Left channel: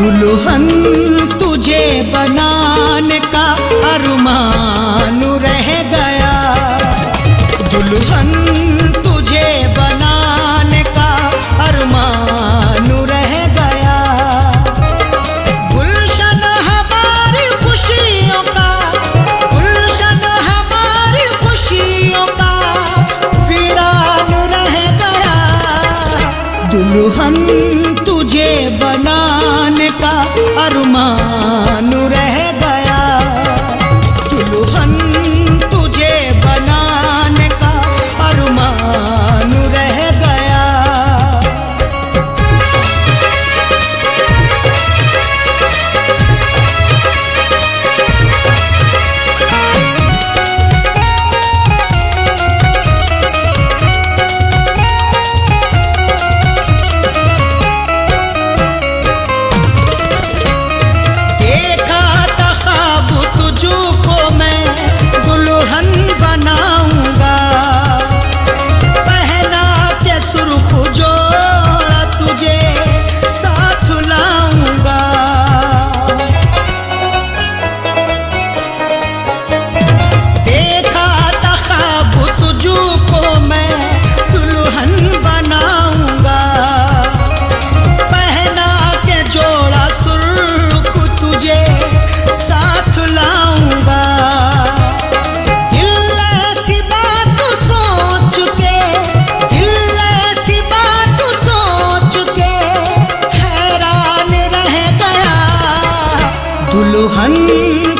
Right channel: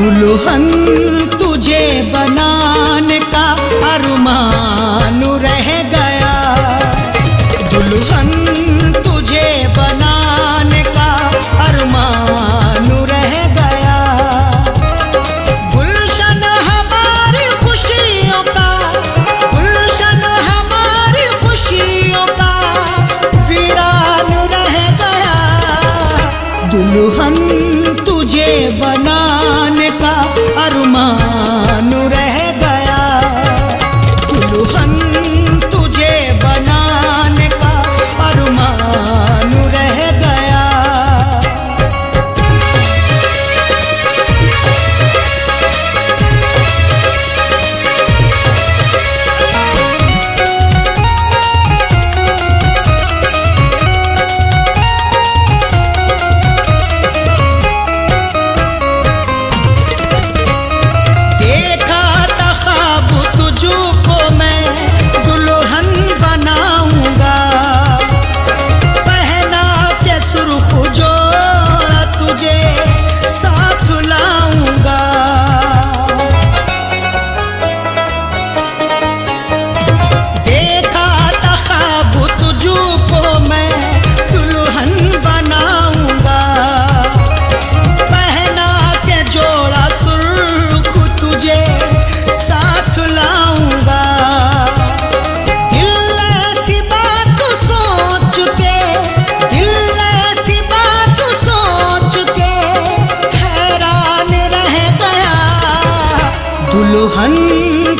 दुल्हन तुझे बनाने का अरमान रह गया, दुल्हन तुझे बनाने का अरमान रह गया। गुलशन हमारी खुशियों का, गुलशन हमारी खुशियों का वीरान रह गया। दुल्हन तुझे बनाने का अरमान रह गया, दुल्हन तुझे बनाने का अरमान रह गया। तुझको मैं दुल्हन बनाऊंगा, पहना के सुर्ख जोड़ा तुझे साथ लाऊंगा। देखा था ख्वाब तुझको मैं दुल्हन बनाऊंगा, पहना के जोड़ा सुर्ख तुझे साथ लाऊंगा। दिल ऐसी बात सोच के, दिल ऐसी बात सोच के हैरान रह गया। दुल्हन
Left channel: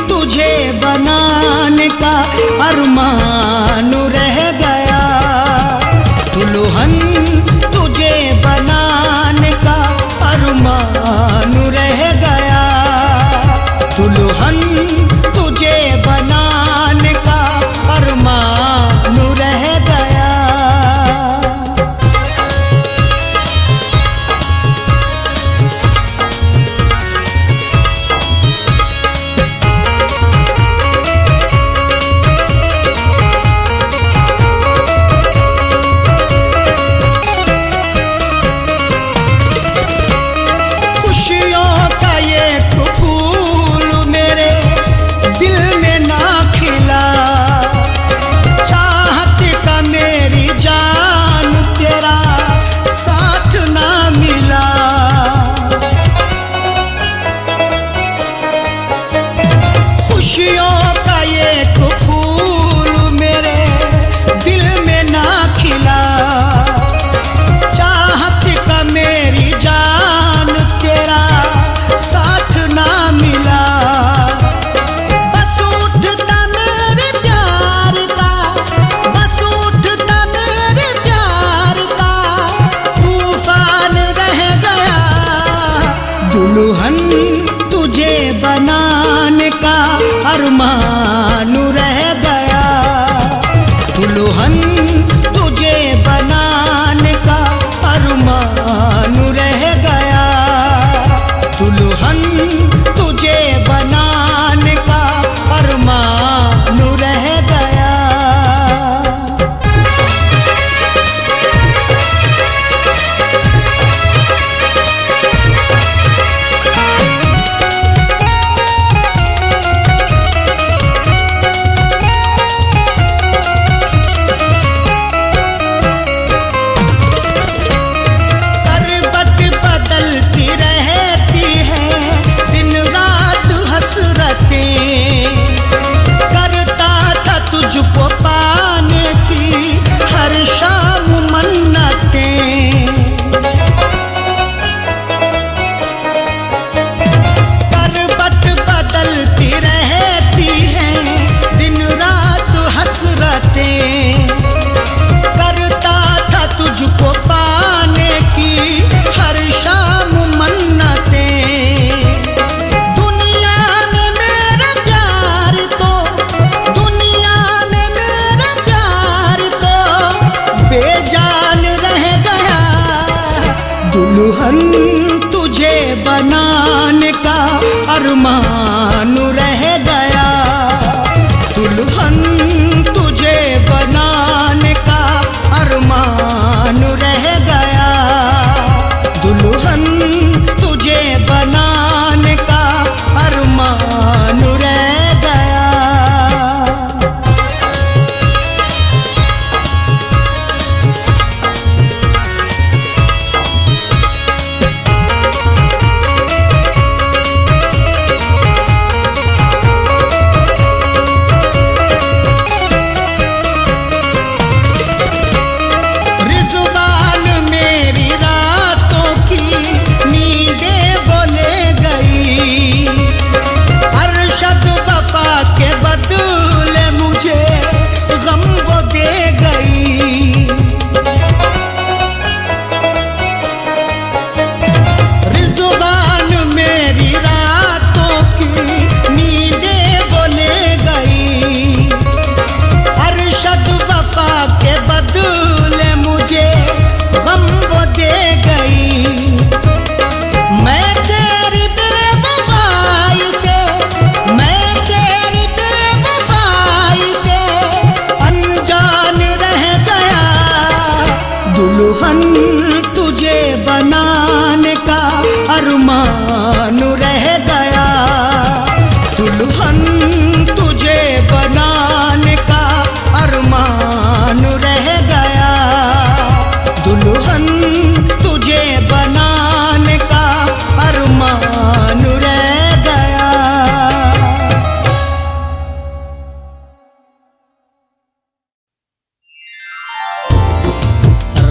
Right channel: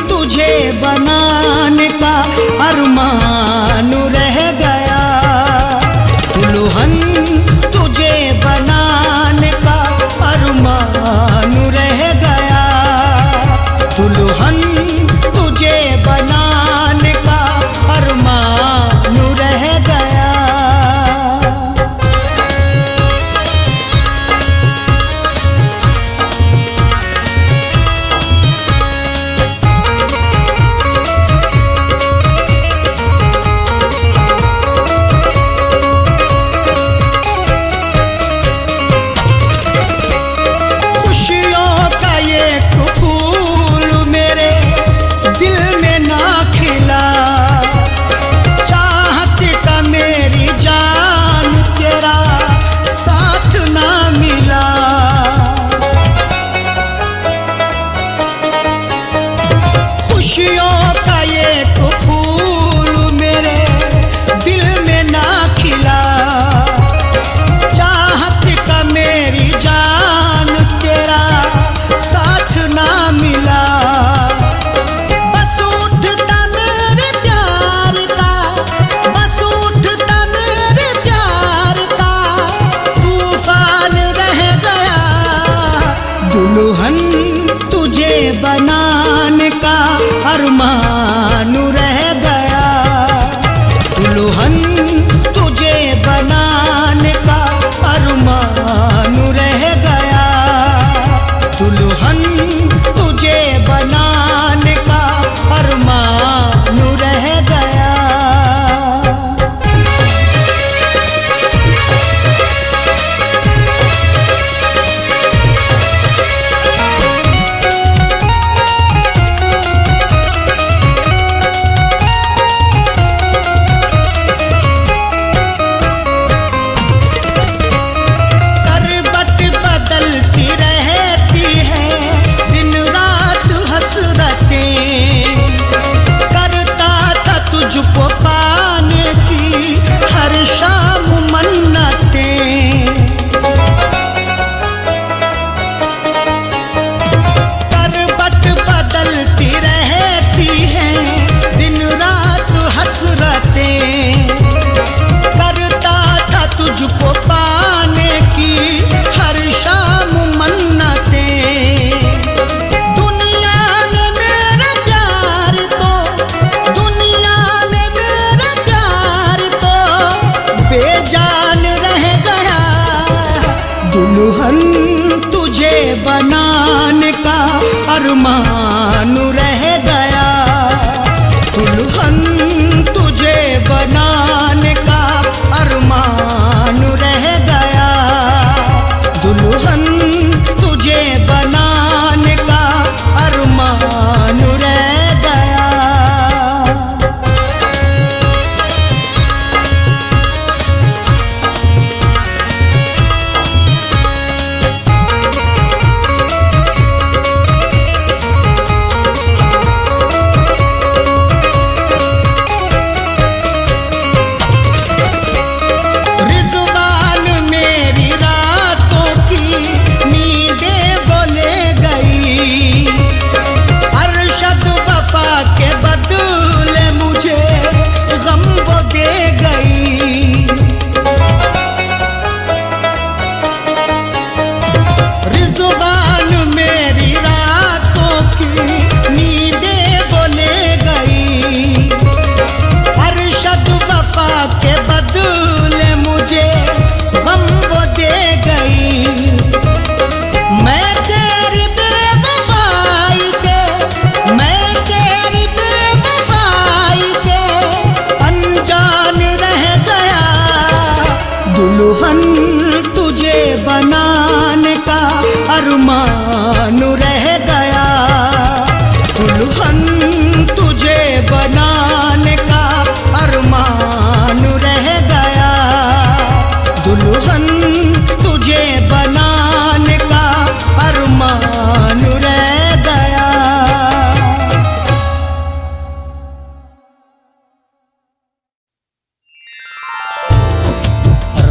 तुझे बनाने का अरमान रह गया, दुल्हन तुझे बनाने का अरमान रह गया। दुल्हन तुझे बनाने का अरमान रह गया। खुशियों का एक फूल मेरे दिल में ना खिला, चाहत का मेरी जान तेरा साथ ना मिला। खुशियों का एक फूल मेरे दिल में ना खिला, चाहत का मेरी जान तेरा साथ ना मिला। बस उठता मेरे प्यार का, बस उठता मेरे प्यार का तूफान रह गया। दुल्हन तुझे बनाने का अरमान रह गया, दुल्हन तुझे बनाने का अरमान रह गया। दुल्हन तुझे बनाने का अरमान रह गया। बदलती रहती है दिन रात हसरतें, करता था तुझको पाने की हर शाम मन्नतें। करवट बदलती रहती है दिन रात हसरतें, करता था तुझको पाने की हर शाम मन्नतें। दुनिया में मेरा प्यार तो, दुनिया में मेरा प्यार तो बेजान रह गया। दुल्हन तुझे बनाने का अरमान रह गया, दुल्हन तुझे बनाने का अरमान रह गया। दुल्हन तुझे बना दुल्हन तुझे बनाने का अरमान रह गया, दुल्हन तुझे बनाने का अरमान रह गया, दुल्हन तुझे बनाने का अरमान रह गया।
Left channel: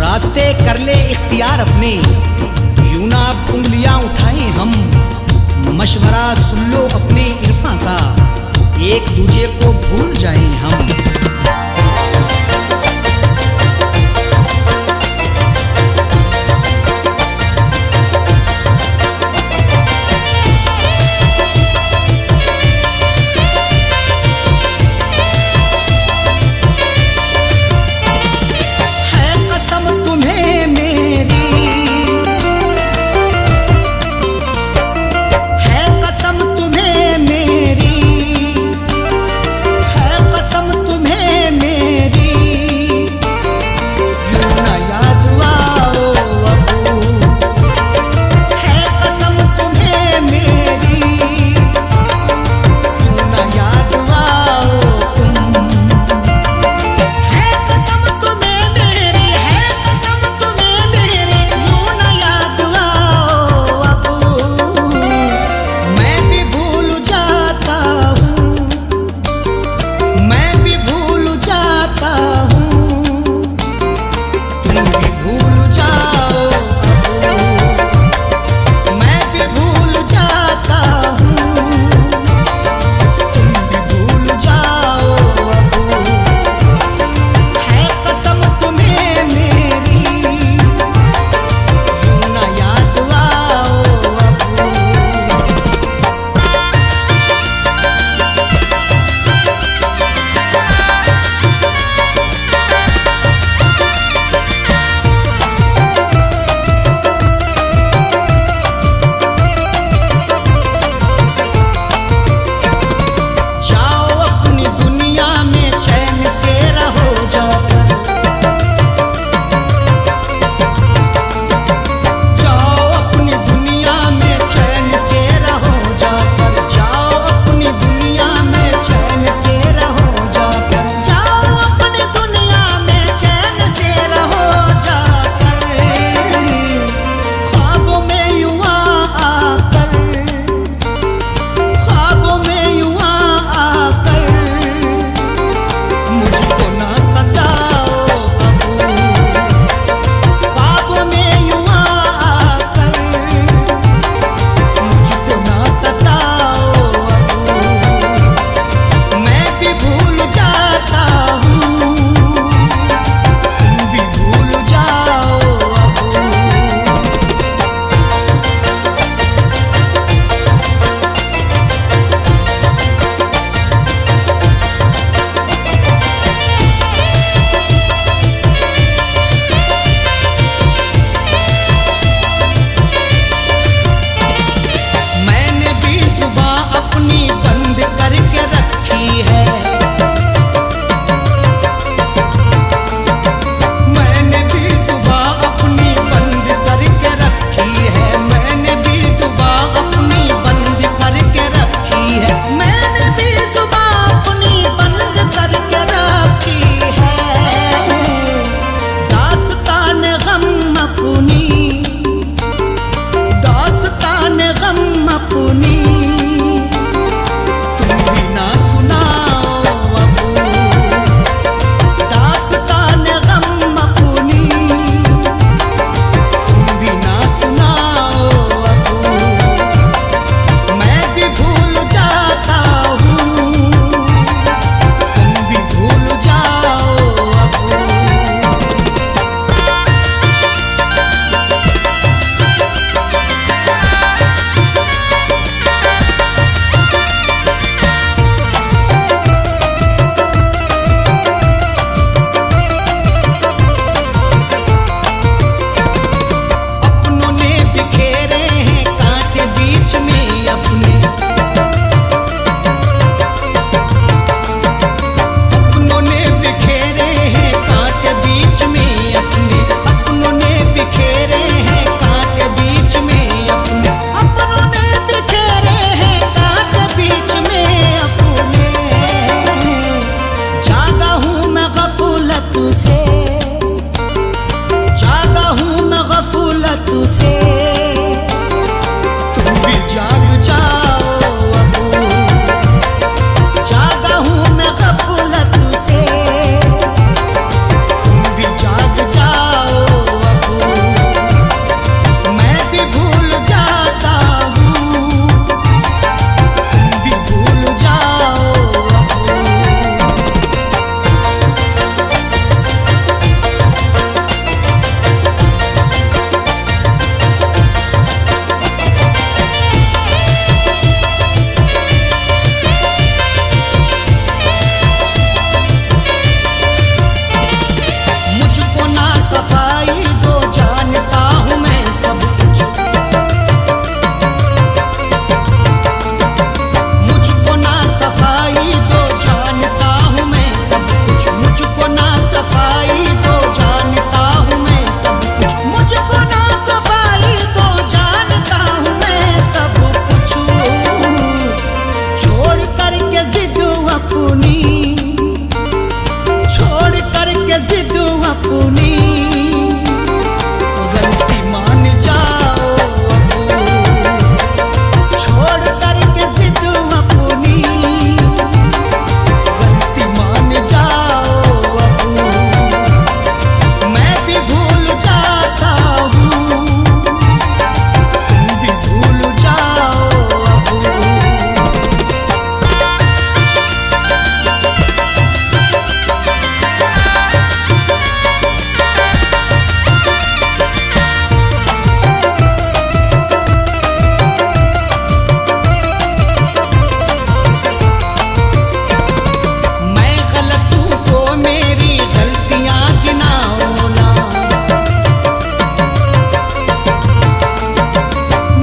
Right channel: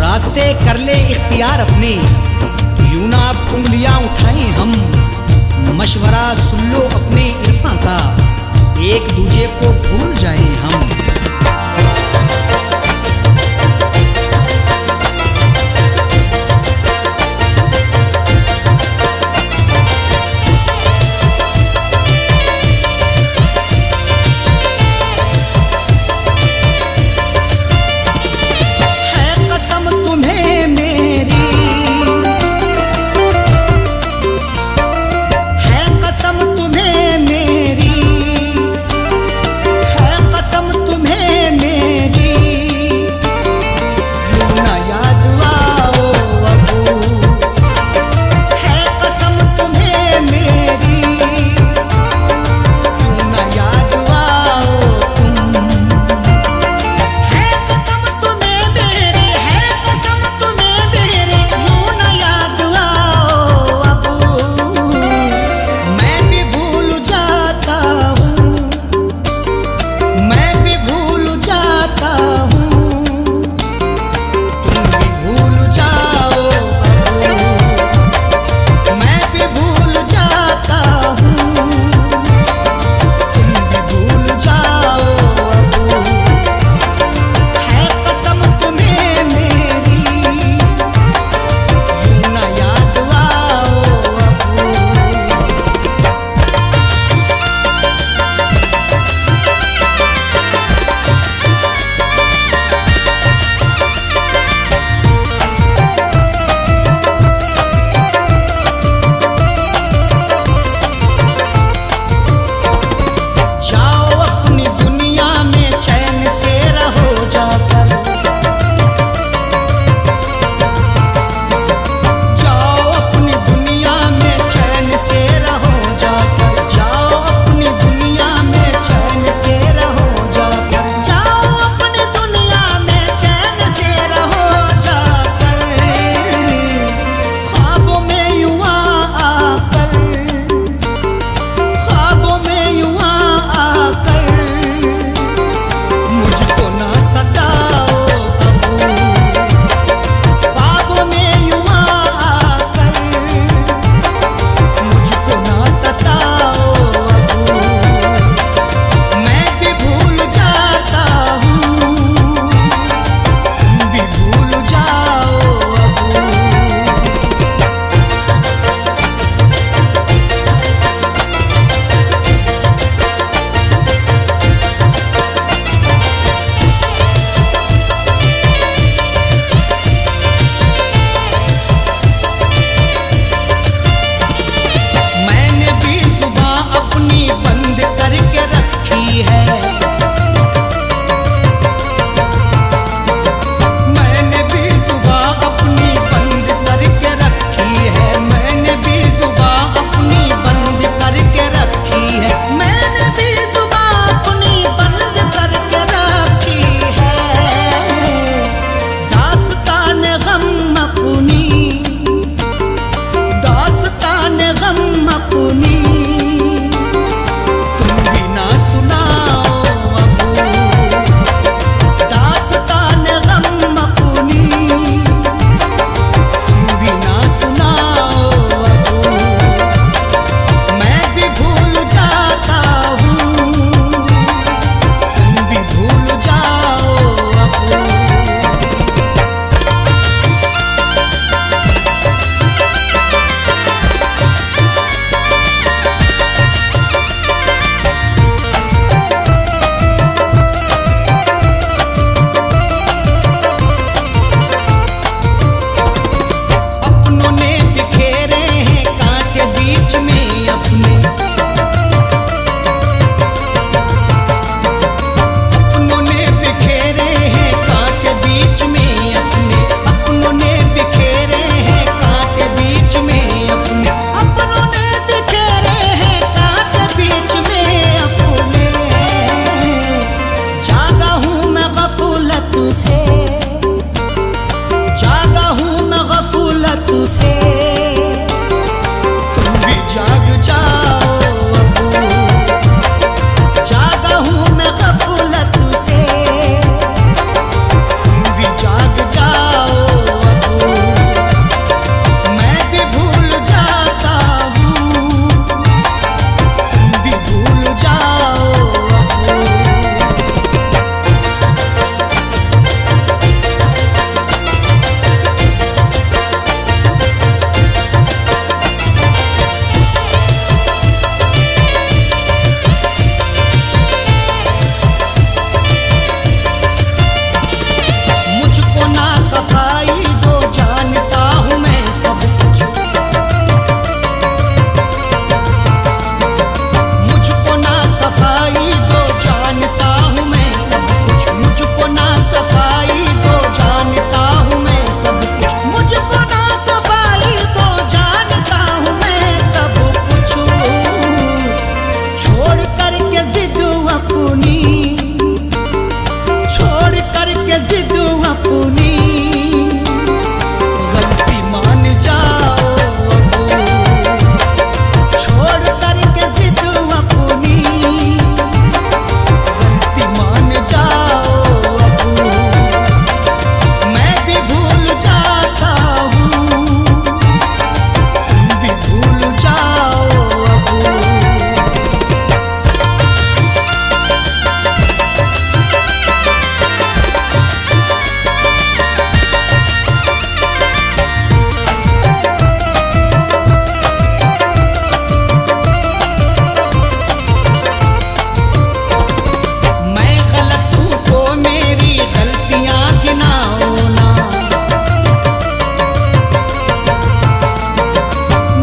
रास्ते कर ले इख्तियार अपने, यूं ना अब उंगलियां उठाएं हम, मशवरा सुन लो अपने इरफां का, एक दूजे को भूल जाएं हम। तुम्हें मेरी है कसम, तुम्हें मेरी है कसम, तुम्हें से। तुम भी जाग जाओ अब, जागा हूँ मैं गफलत से। तुम भी जाग जाओ अब, मैं भी भूल जाता हूँ। तुम भी भूल जाओ अब। मुझको ना सफाई दो, जानता हूँ मैं सब कुछ। मुझको ना सफाई दो, जानता हूँ मैं सब कुछ। मुझको ना सफाई दो, जानता हूँ मैं सब कुछ। मुझको ना सफाई दो, जानता हूँ मैं सब कुछ। छोड़ करके जिद अपनी, छोड़ करके जिद अपनी, गलती मान जाओ अब। छोड़ करके जिद अपनी, गलती मान जाओ अब। मैं भी भूल जाता हूँ, तुम भी भूल जाओ अब। मेरी गलतियां गिनाओ ना,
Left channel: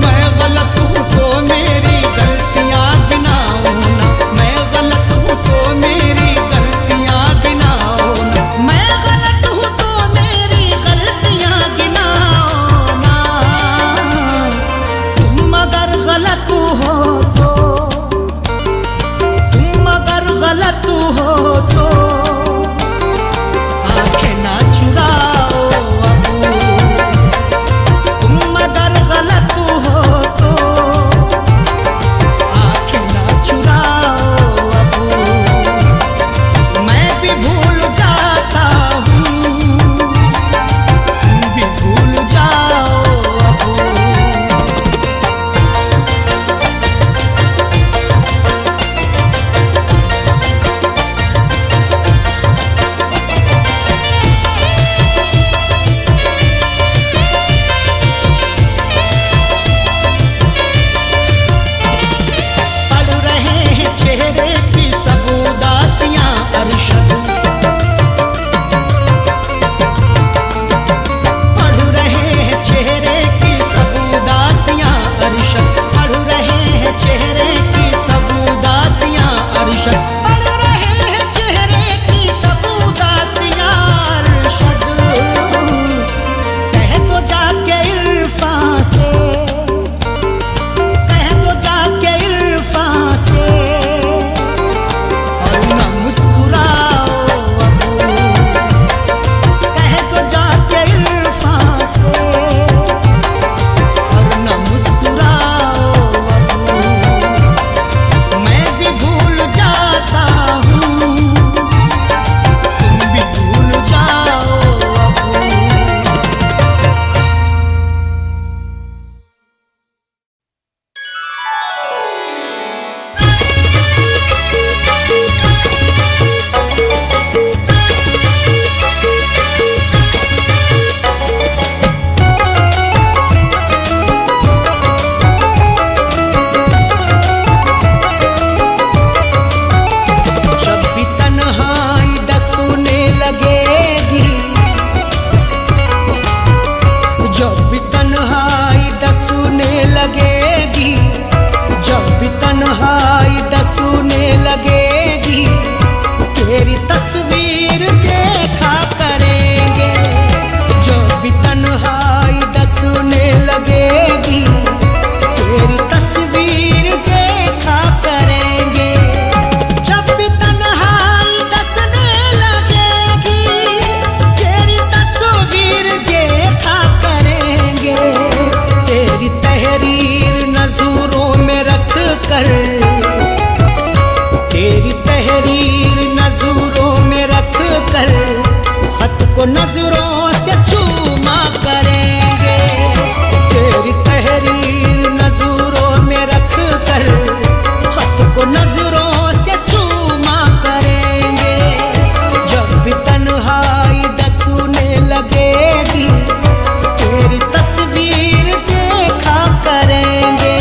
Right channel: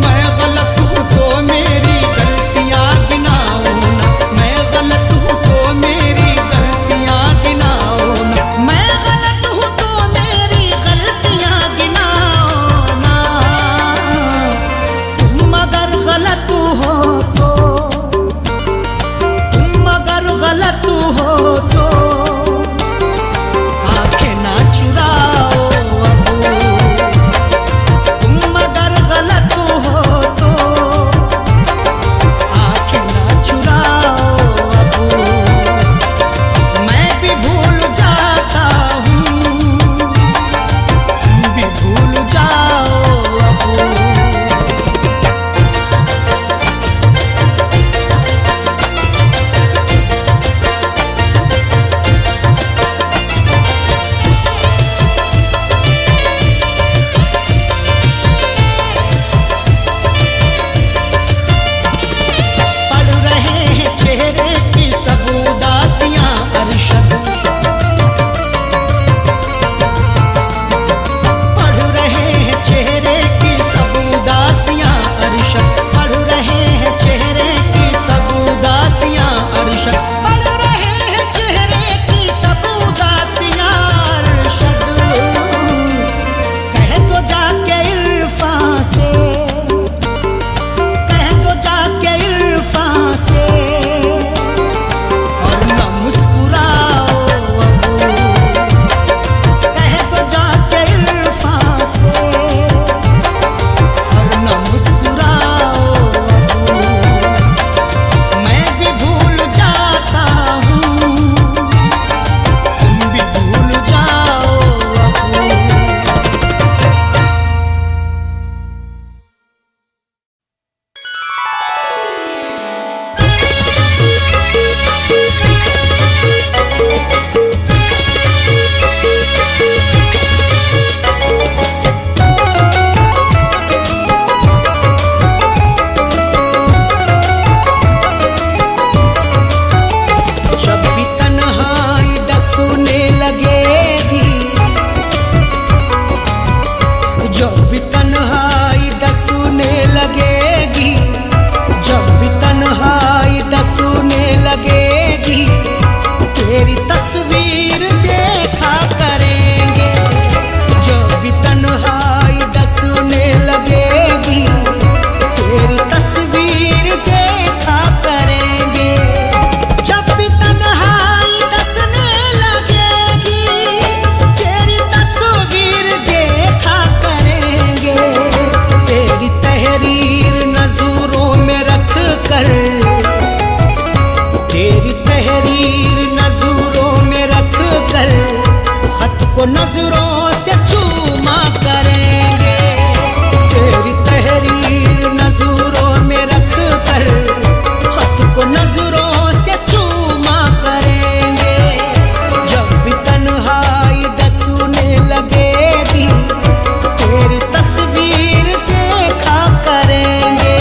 मैं गलत हूँ तो मेरी गलतियां गिनाओ ना। मैं गलत हूँ तो मेरी गलतियां गिनाओ ना। मैं गलत हूँ तो मेरी गलतियां गिनाओ ना। तुम अगर गलत हो तो, तुम अगर गलत हो तो ना चुराओ अब। तुम अगर गलत हो तो आंखें ना चुराओ अब। मैं भी भूल जाता हूँ, तुम भी भूल जाओ अब। चेहरे की सब उदासियां अरशद, पढ़ रहे हैं चेहरे की सब उदासियां अरशद। पढ़ रहे हैं चेहरे की सब उदासियां अरशद। पढ़ रहे हैं चेहरे की सब उदासियां अरशद। कह दो जाके इरफान से, कह दो जाके इरफान से, और न मुस्कुराओ अब। कह दो जाके इरफान से, और न मुस्कुराओ अब। मैं भी भूल जाता हूँ, तुम भी भूल जाओ अब। जब भी तन्हाई डसने लगेगी, जब भी तन्हाई डसने लगेगी, जब भी तन्हाई डसने लगेगी, तेरी तस्वीर देखा करेंगे। जब भी तन्हाई डसने लगेगी, तेरी तस्वीर देखा करेंगे। जब भी तन्हाई डसने लगेगी, तेरी तस्वीर देखा करेंगे। तेरी तहरीर नजरों में रख कर खत को नजरों से चूमा करेंगे। तेरी तहरीर नजरों में रख कर खत को नजरों से चूमा करेंगे। जब भी तन्हाई डसूने लगेगी तेरी तस्वीर देखा करेंगे।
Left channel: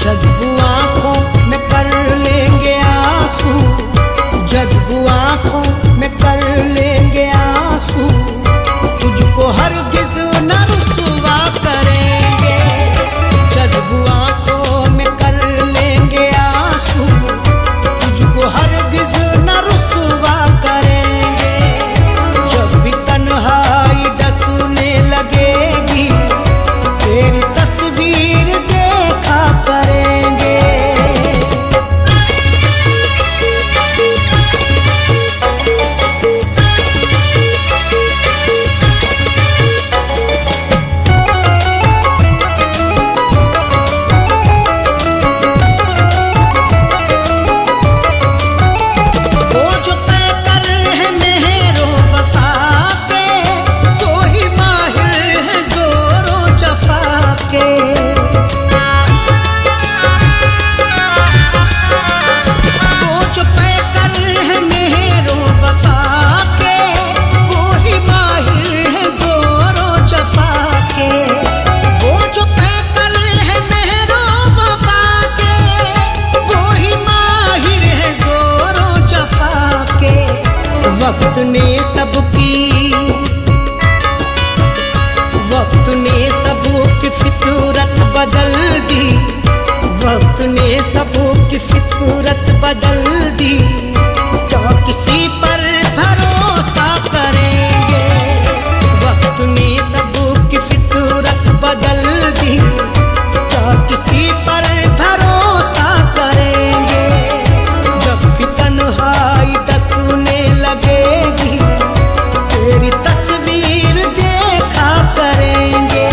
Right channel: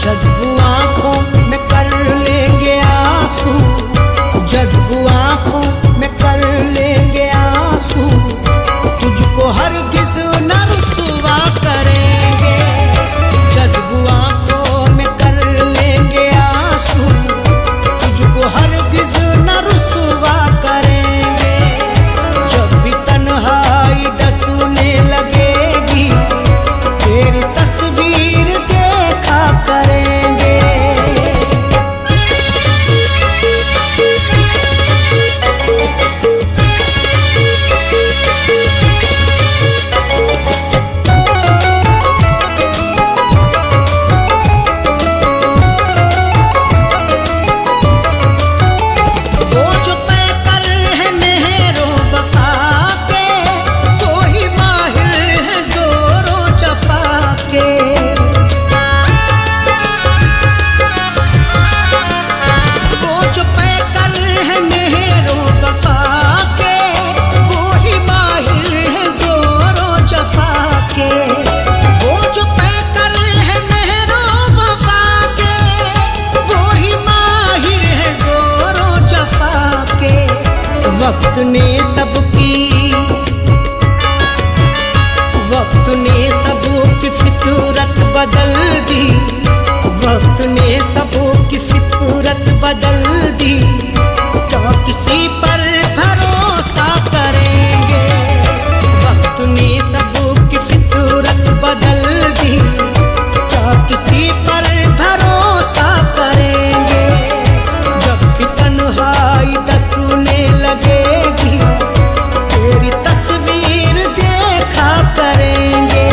जज्बू आँखों में कर लेंगे आंसू, जज्बू आँखों में कर लेंगे आंसू। तुझको हरगिज़ न रुसवा करेंगे। जज्बू आँखों में कर लेंगे आंसू, तुझको हरगिज़ न रुसवा करेंगे। जब भी तन्हाई डसने लगेगी तेरी तस्वीर देखा करेंगे। वो जो पैकर है मेहरो वफा के, वो ही माहिर है जोरो जफा के। वो जो पैकर है मेहरो वफा के, वो ही माहिर है जोरो जफा के। वक्त ने सबकी फितरत बदल दी, वक्त ने सबकी फितरत बदल दी। क्या किसी पर भरोसा करेंगे? वक्त ने सबकी फितरत बदल दी, क्या किसी पर भरोसा करेंगे? जब भी तन्हाई डसने लगेगी तेरी तस्वीर देखा करेंगे।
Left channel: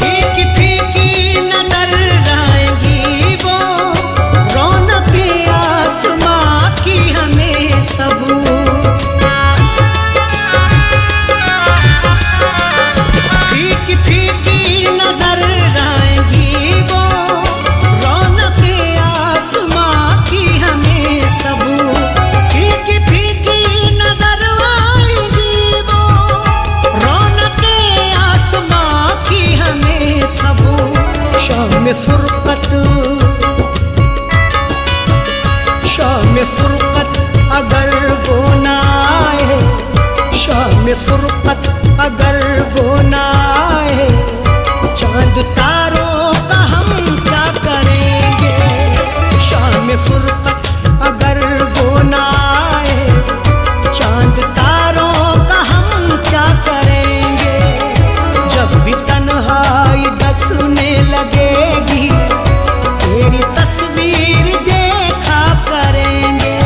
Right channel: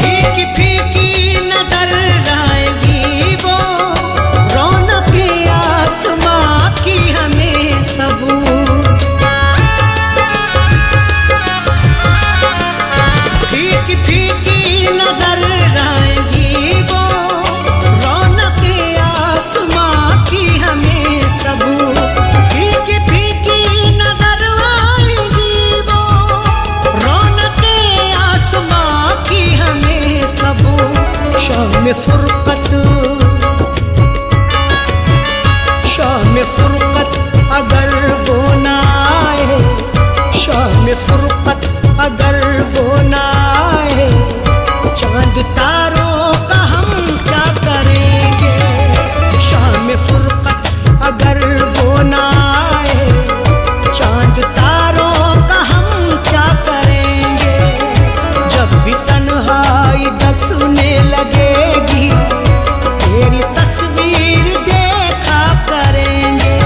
फीकी फीकी नजर आएंगी वो, रौनक आसमां की हमें सब। फीकी फीकी नजर आएंगी वो, रौनक आसमां की हमें सब। शाम फुरकत, शाम फुरकत अगर वो ना आए, शाम फुरकत अगर वो ना आए, चांद तारों का हम क्या करेंगे? शाम फुरकत अगर वो ना आए, चांद तारों का हम क्या करेंगे? जब भी तन्हाई डसने लगेगी तेरी तस्वीर देखा करेंगे।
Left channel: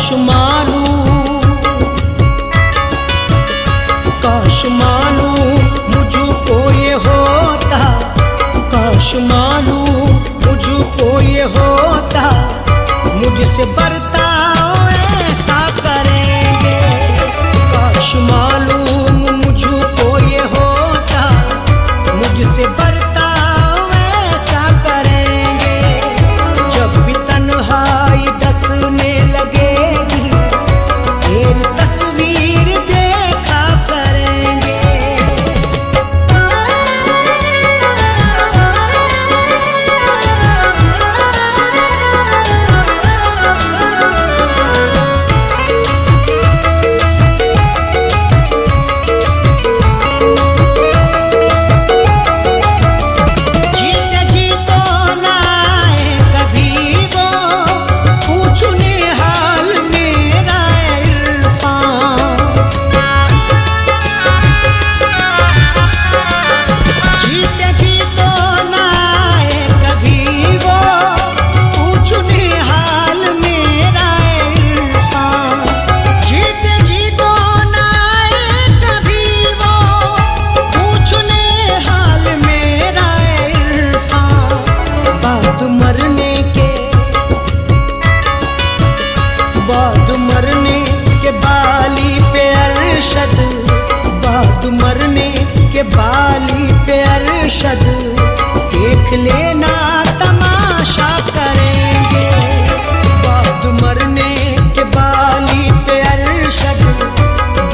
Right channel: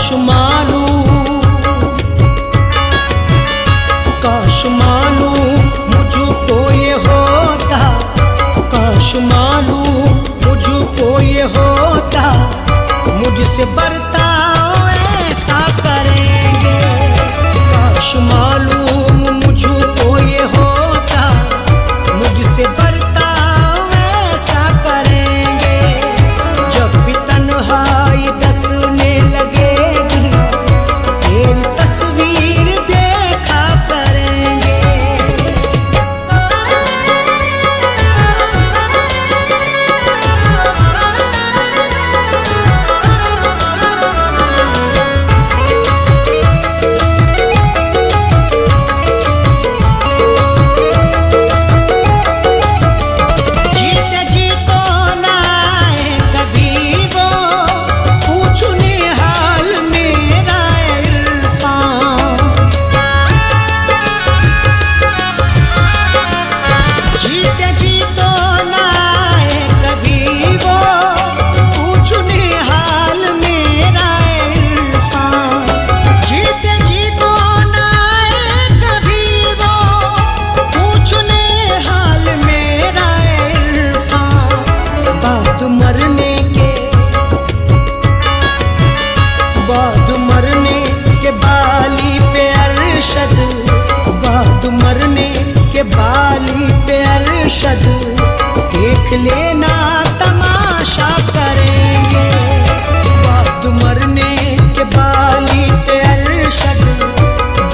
काश मालूम मुझको ये होता, काश मालूम मुझको ये होता, मुझसे बर्ताव ऐसा करेंगे। काश मालूम मुझको ये होता, मुझसे बर्ताव ऐसा करेंगे। जब भी तन्हाई डसने लगेगी, तेरी तस्वीर देखा करेंगे। जीते जी तो ना आए कभी वो, पूछने हाल मेरा इरफान। जीते जी तो ना आए कभी वो, पूछने हाल मेरा इरफान। जीते जी तो ना आए कभी वो, पूछने हाल मेरा इरफान। बाद मरने के बाली पे अरशद, बाद मरने के बाली पे अरशद, देख लेना तमाशा करेंगे। बाद मरने के बाली पे अरशद,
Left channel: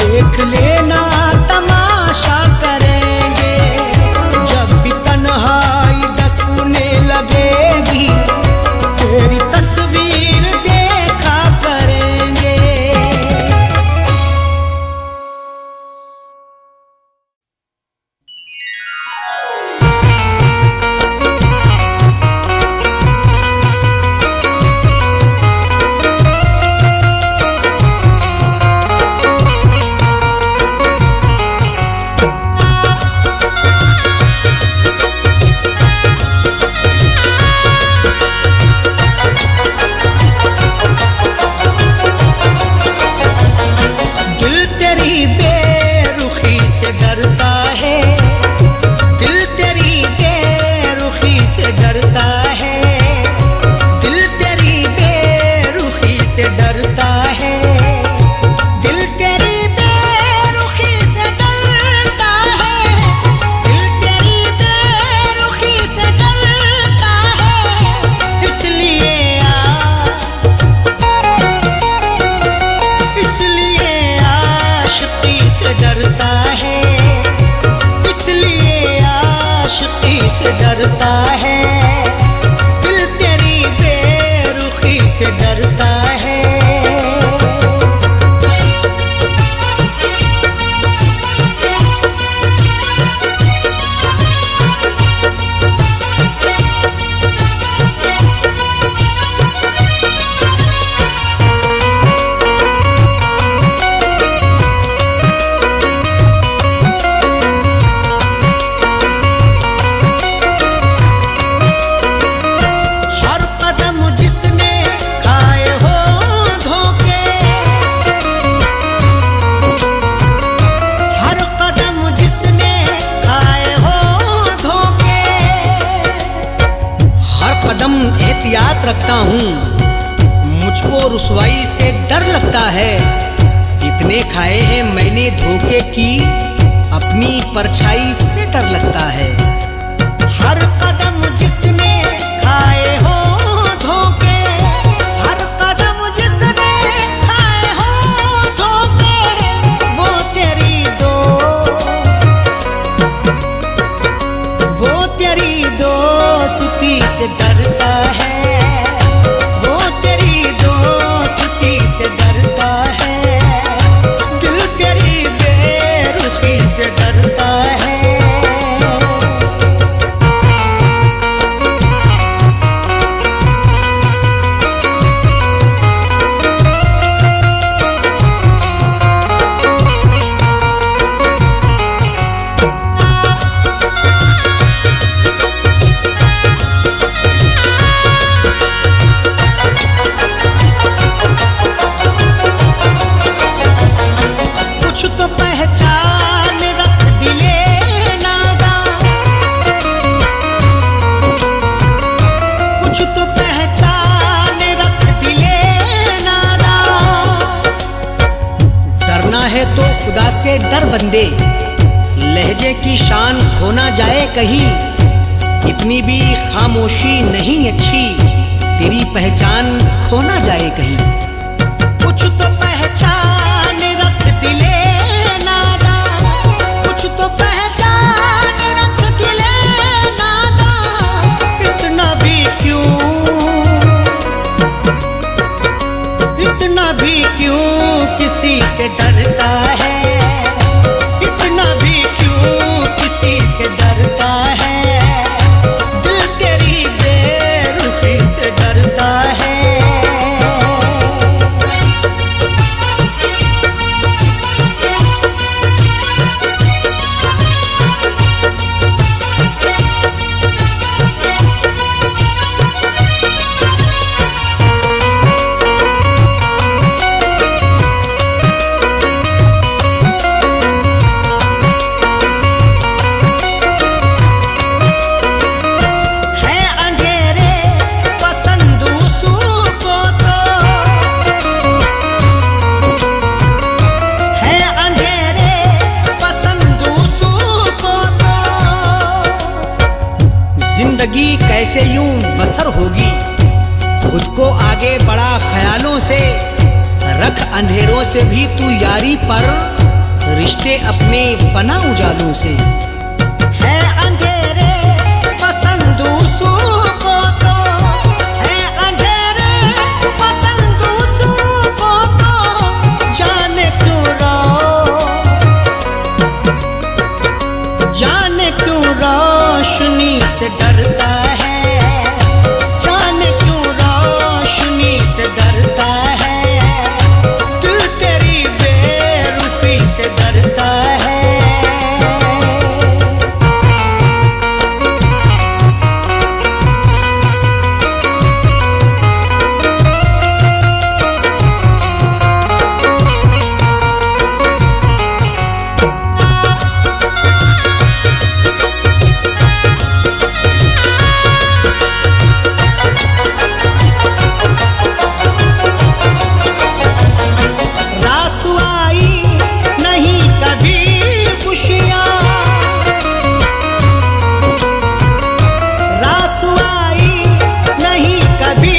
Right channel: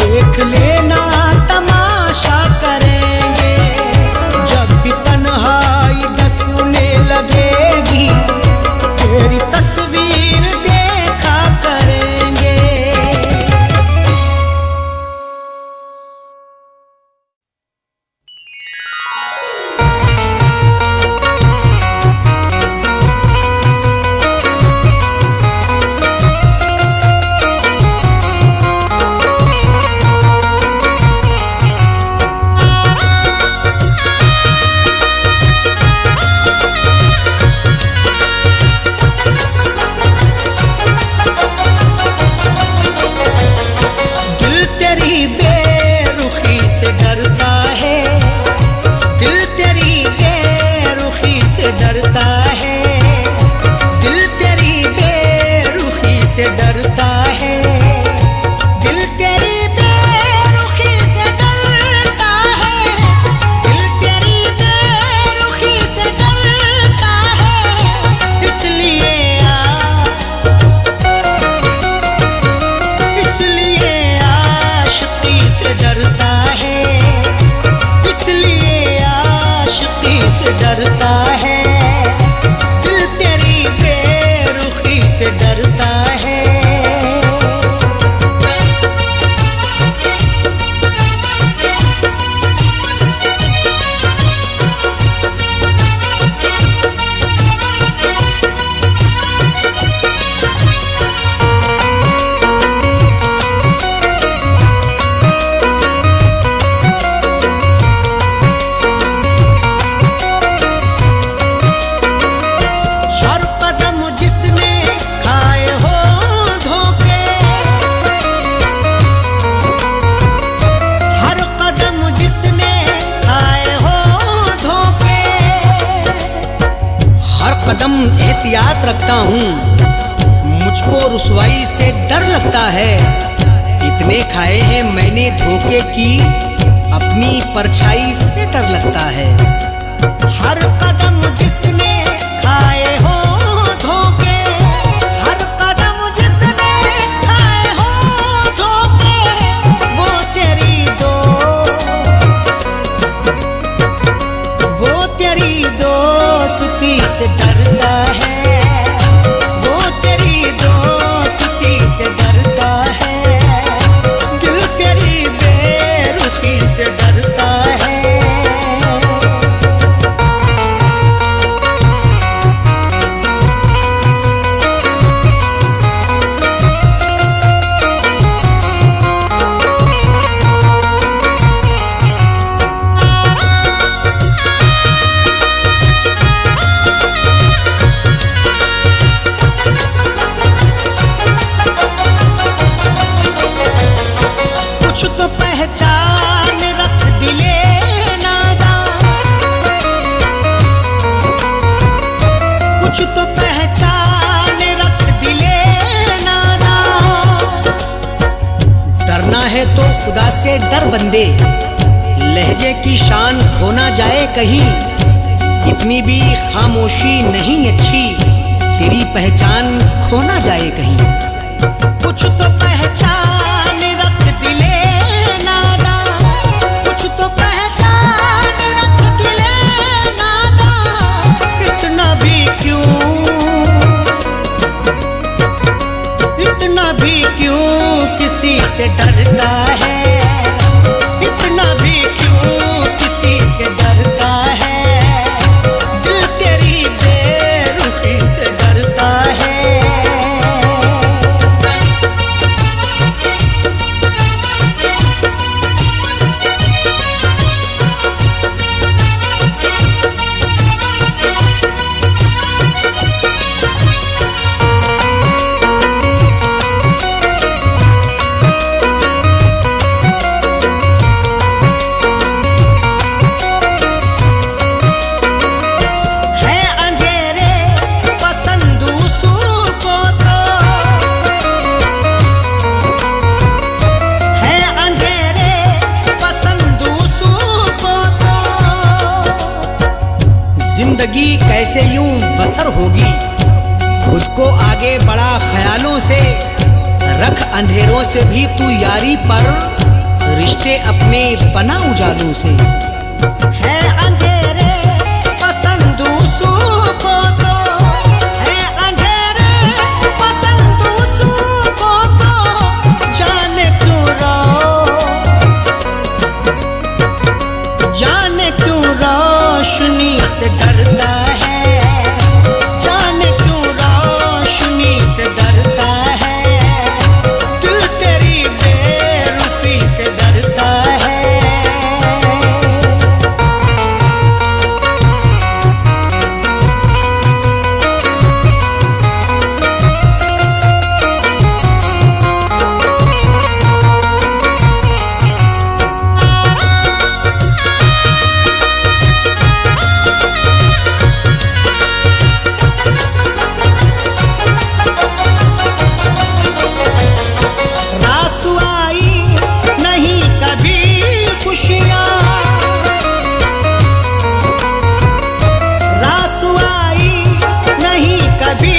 देख लेना तमाशा करेंगे। जब भी तन्हाई डसने लगेगी, तेरी तस्वीर देखा करेंगे। तेरी बेरुखी से डरता है, दिल तेरी बेरुखी से डरता है, दिल तेरी बेरुखी से डरता है, दिल तेरी बेरुखी से डरता है, दिल तेरी बेरुखी से डरता है। इसलिए आशिकी से डरता है, इसलिए आशिकी से डरता है, दिल तेरी बेरुखी से डरता है। हर कदम जिसने खाए हो धोखे, हर कदम जिसने खाए हो धोखे, हर कदम एहतियात रखता हूँ, मुझको रुसवाई से डर लगता है। इतने खाए हैं मैंने धोखे की, अपनी परछाई से डर लगता है। हर कदम जिसने खाए हो धोखे, हर कदम जिसने खाए हो धोखे, वो तेरी दोस्ती से डरता है, वो तेरी दोस्ती से डरता है, दिल तेरी बेरुखी से डरता है। कुछ तो पहचान रख दिले नादा। डरना है तो खुदा से डर बंदे, लहजे की शान खो ना जाए कहीं। इतनी भी खामोशी नहीं अच्छी, तेरी पहचान खो ना जाए कहीं। कुछ तो पहचान रख दिले नादा, कुछ तो पहचान रख दिले नादा। इतना भी क्यों, इतना भी क्यों किसी से डरता है, इतना भी क्यों किसी से डरता है। दिल तेरी बेरुखी से डरता है। जिंदगी कैसे यूं बसर होगी, खुद को आगे बढ़ा ख्यालों से। रख अंधेरों से भी तू यारी पर, रिश्ते अपने बना उजालों से। है अंधेरे पसंद दूसरों को तो, है अंधेरे पसंद दूसरों को तो। जाने क्यों जाने क्यों रोशनी से डरता है, जाने क्यों रोशनी से डरता है। दिल तेरी बेरुखी से डरता है। नहीं कभी खुशियाँ, रासुआई नहीं कभी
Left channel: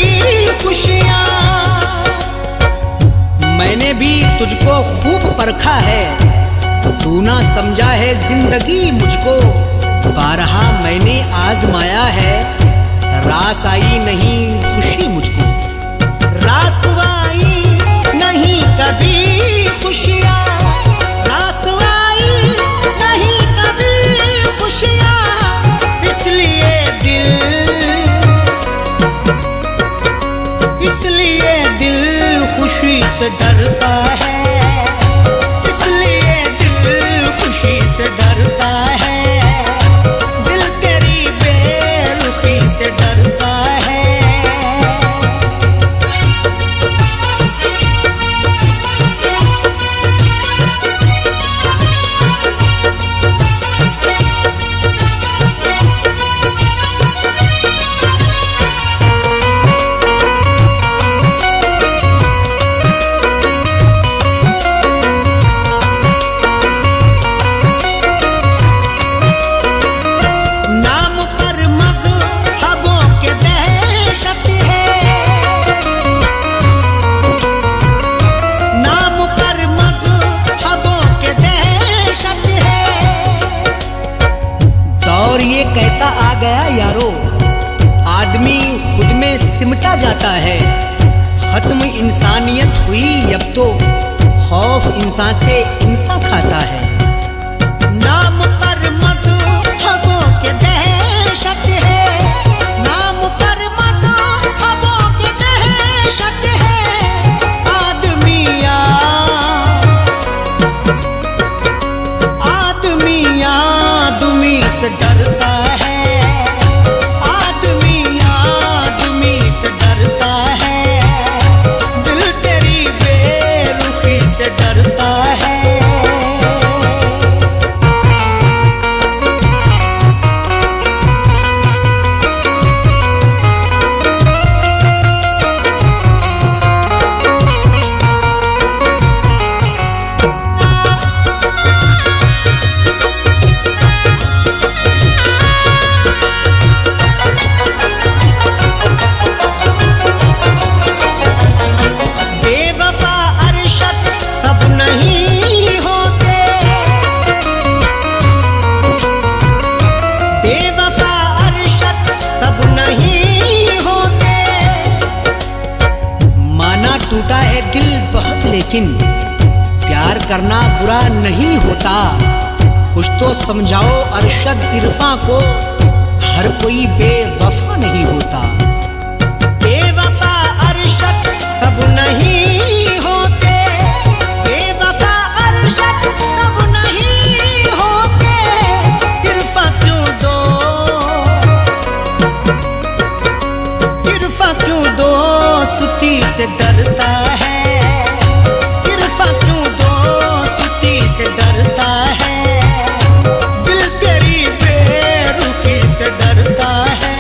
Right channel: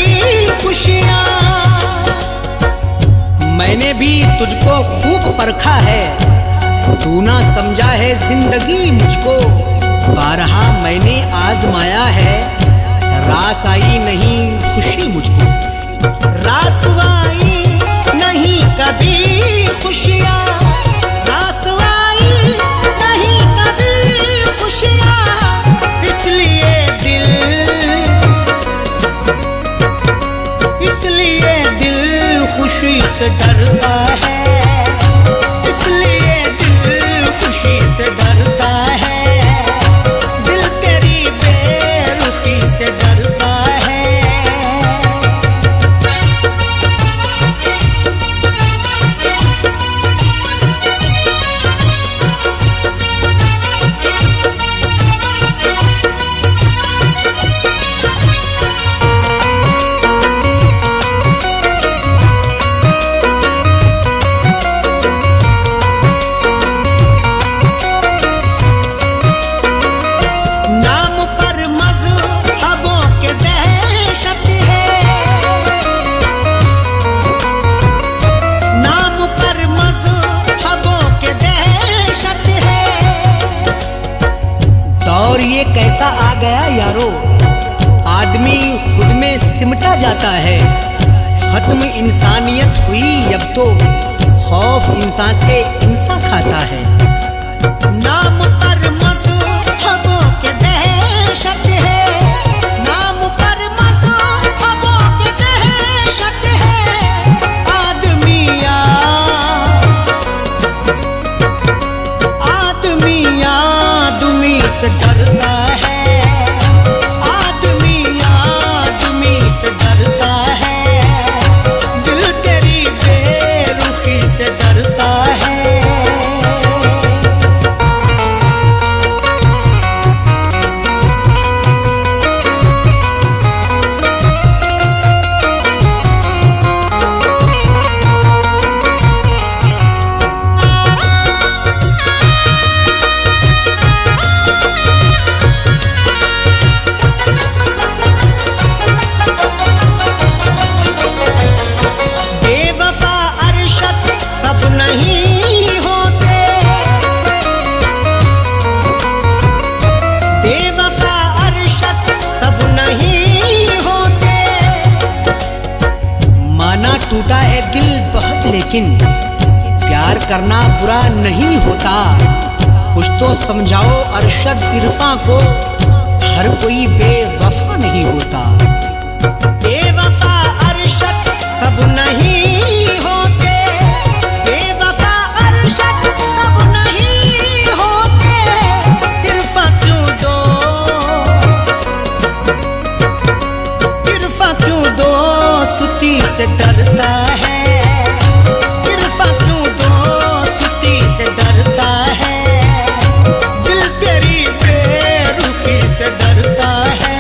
खुशियाँ। मैंने भी तुझको खूब परखा है, तू ना समझा है जिंदगी मुझको। बारहा मैंने आजमाया है, रास आई नहीं खुशी मुझको। रासुआई नहीं कभी खुशियाँ, रासुआई नहीं कभी खुशियाँ। इसलिए दिल खुशी से डरता है, इसलिए दिल खुशी से डरता है। दिल तेरी बेरुखी से डरता है। नाम पर मज़हबों के दहशत है, नाम पर मज़हबों के दहशत है। दौर ये कैसा आ गया यारो, आदमी खुद में सिमटा जाता है। खत्म इंसानियत हुई अब तो, खौफ इंसान से इंसान खाता है। नाम पर मज़हबों के दहशत है, नाम पर मज़हबों के दहशत है। आदमी से डरता है, आदमी से डरता है। दिल तेरी बेरुखी से डरता है। टूटा है दिल बहुत, लेकिन प्यार करना बुरा नहीं होता। कुछ तो समझाओ अरशद इरफा को, हर कोई बेवफा नहीं होता। बेवफा अरशद सब नहीं होते, बेवफा अरशद सब नहीं होते। इरफा क्यों दो, इरफा क्यों दो सुती से डरता है। इरफा क्यों दो सुती से डरता है। दिल तेरी बेरुखी से डरता है।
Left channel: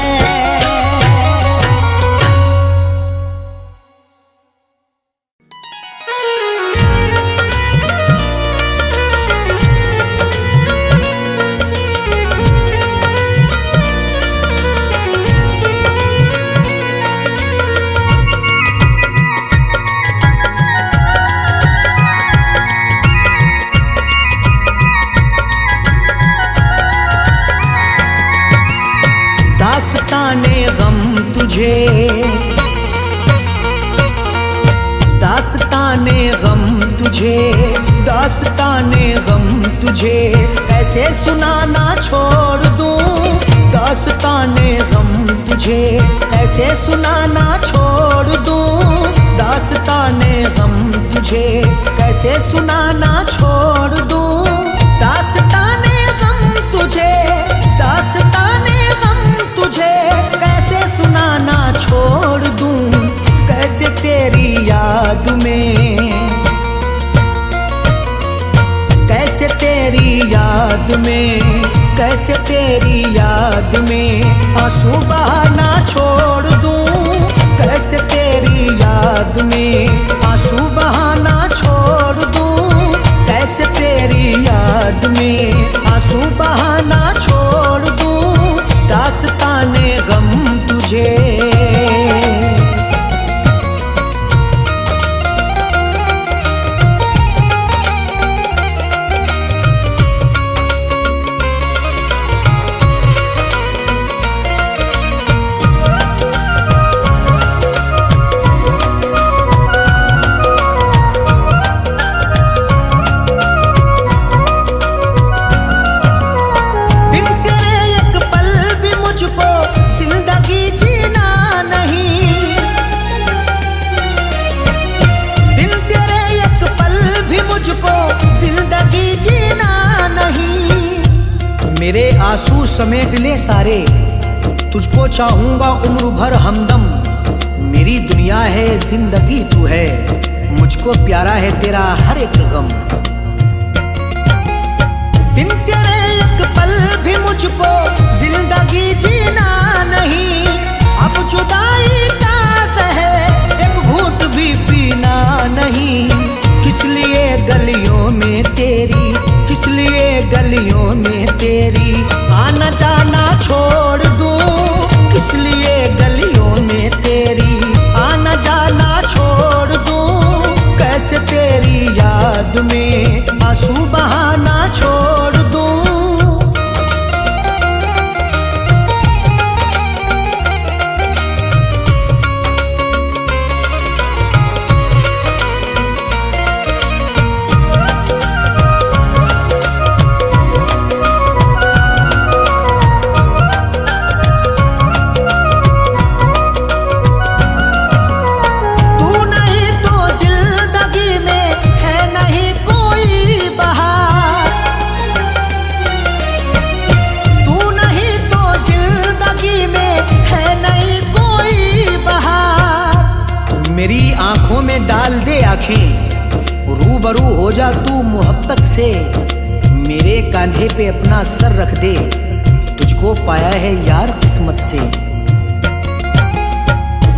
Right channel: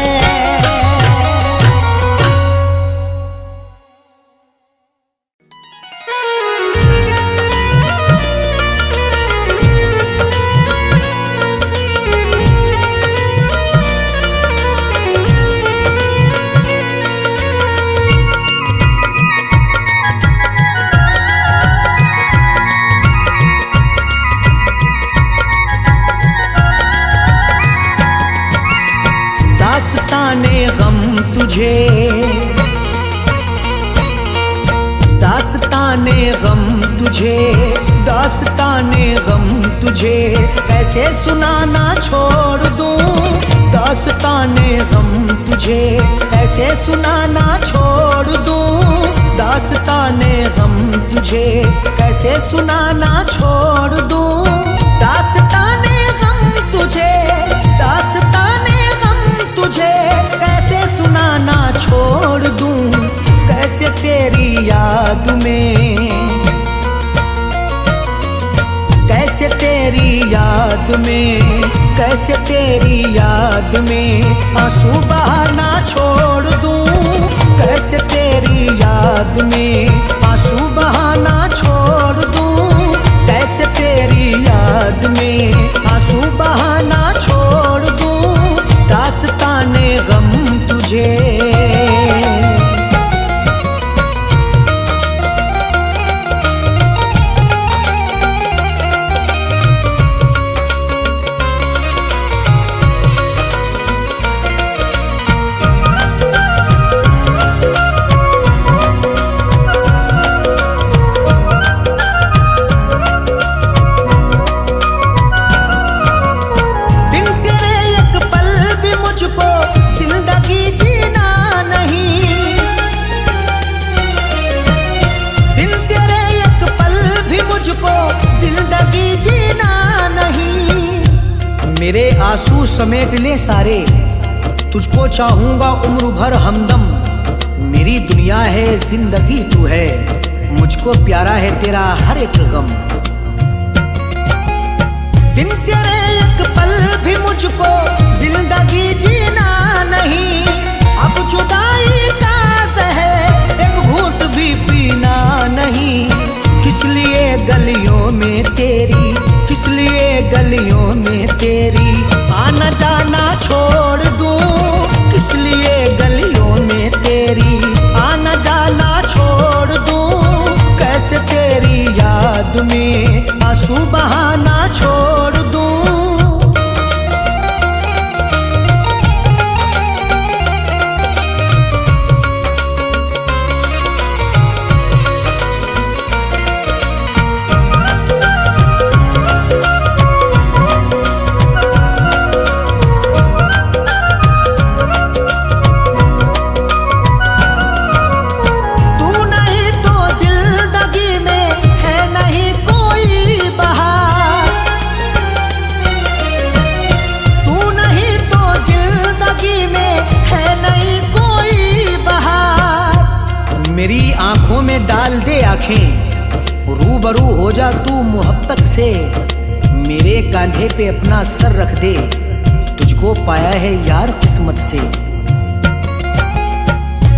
दास्ताने गम तुझे, दास्ताने गम तुझे, दास्ताने गम तुझे कैसे सुनाना छोड़ दूं। दास्ताने गम तुझे कैसे सुनाना छोड़ दूं। दास्ताने गम तुझे कैसे सुनाना छोड़ दूं। दास्ताने गम तुझे, दास्ताने तुझे कैसे सुनाना छोड़ दूं। कैसे तेरी याद में, कैसे तेरी याद में, कैसे तेरी याद में आंसू बहाना छोड़ दूं। कैसे तेरी याद में आंसू बहाना छोड़ दूं। कैसे तेरी याद में आंसू बहाना छोड़ दूं। दास्ताने गम तुझे, जिंदगी जीना नहीं। बिन तेरे एक पल भी मुझको जिंदगी जीना नहीं। मेरे आंसू समेट ले सारे, तुझको चाहूंगा उम्र भर हमदम। मेरी दुनिया है जिंदगी तू है, मुझको प्यारा है तेरा हर एक गम। बिन तेरे एक पल भी मुझको जिंदगी जीना नहीं। अब जुदाई का ज़हर एक घूंट भी पीना नहीं। किस लिए गलियों में तेरी, किस लिए गलियों में तेरी आना जाना छोड़ दूं। किस लिए गलियों में तेरी आना जाना छोड़ दूं। कैसे तेरी याद में आंसू बहाना छोड़ दूं। मेरी आंखों में डाल दे आंखें, रूबरू हो जा तू मोहब्बत से। मेरे कांधे पे अपना सर रख दे, तुझको पाया है यार किस्मत से।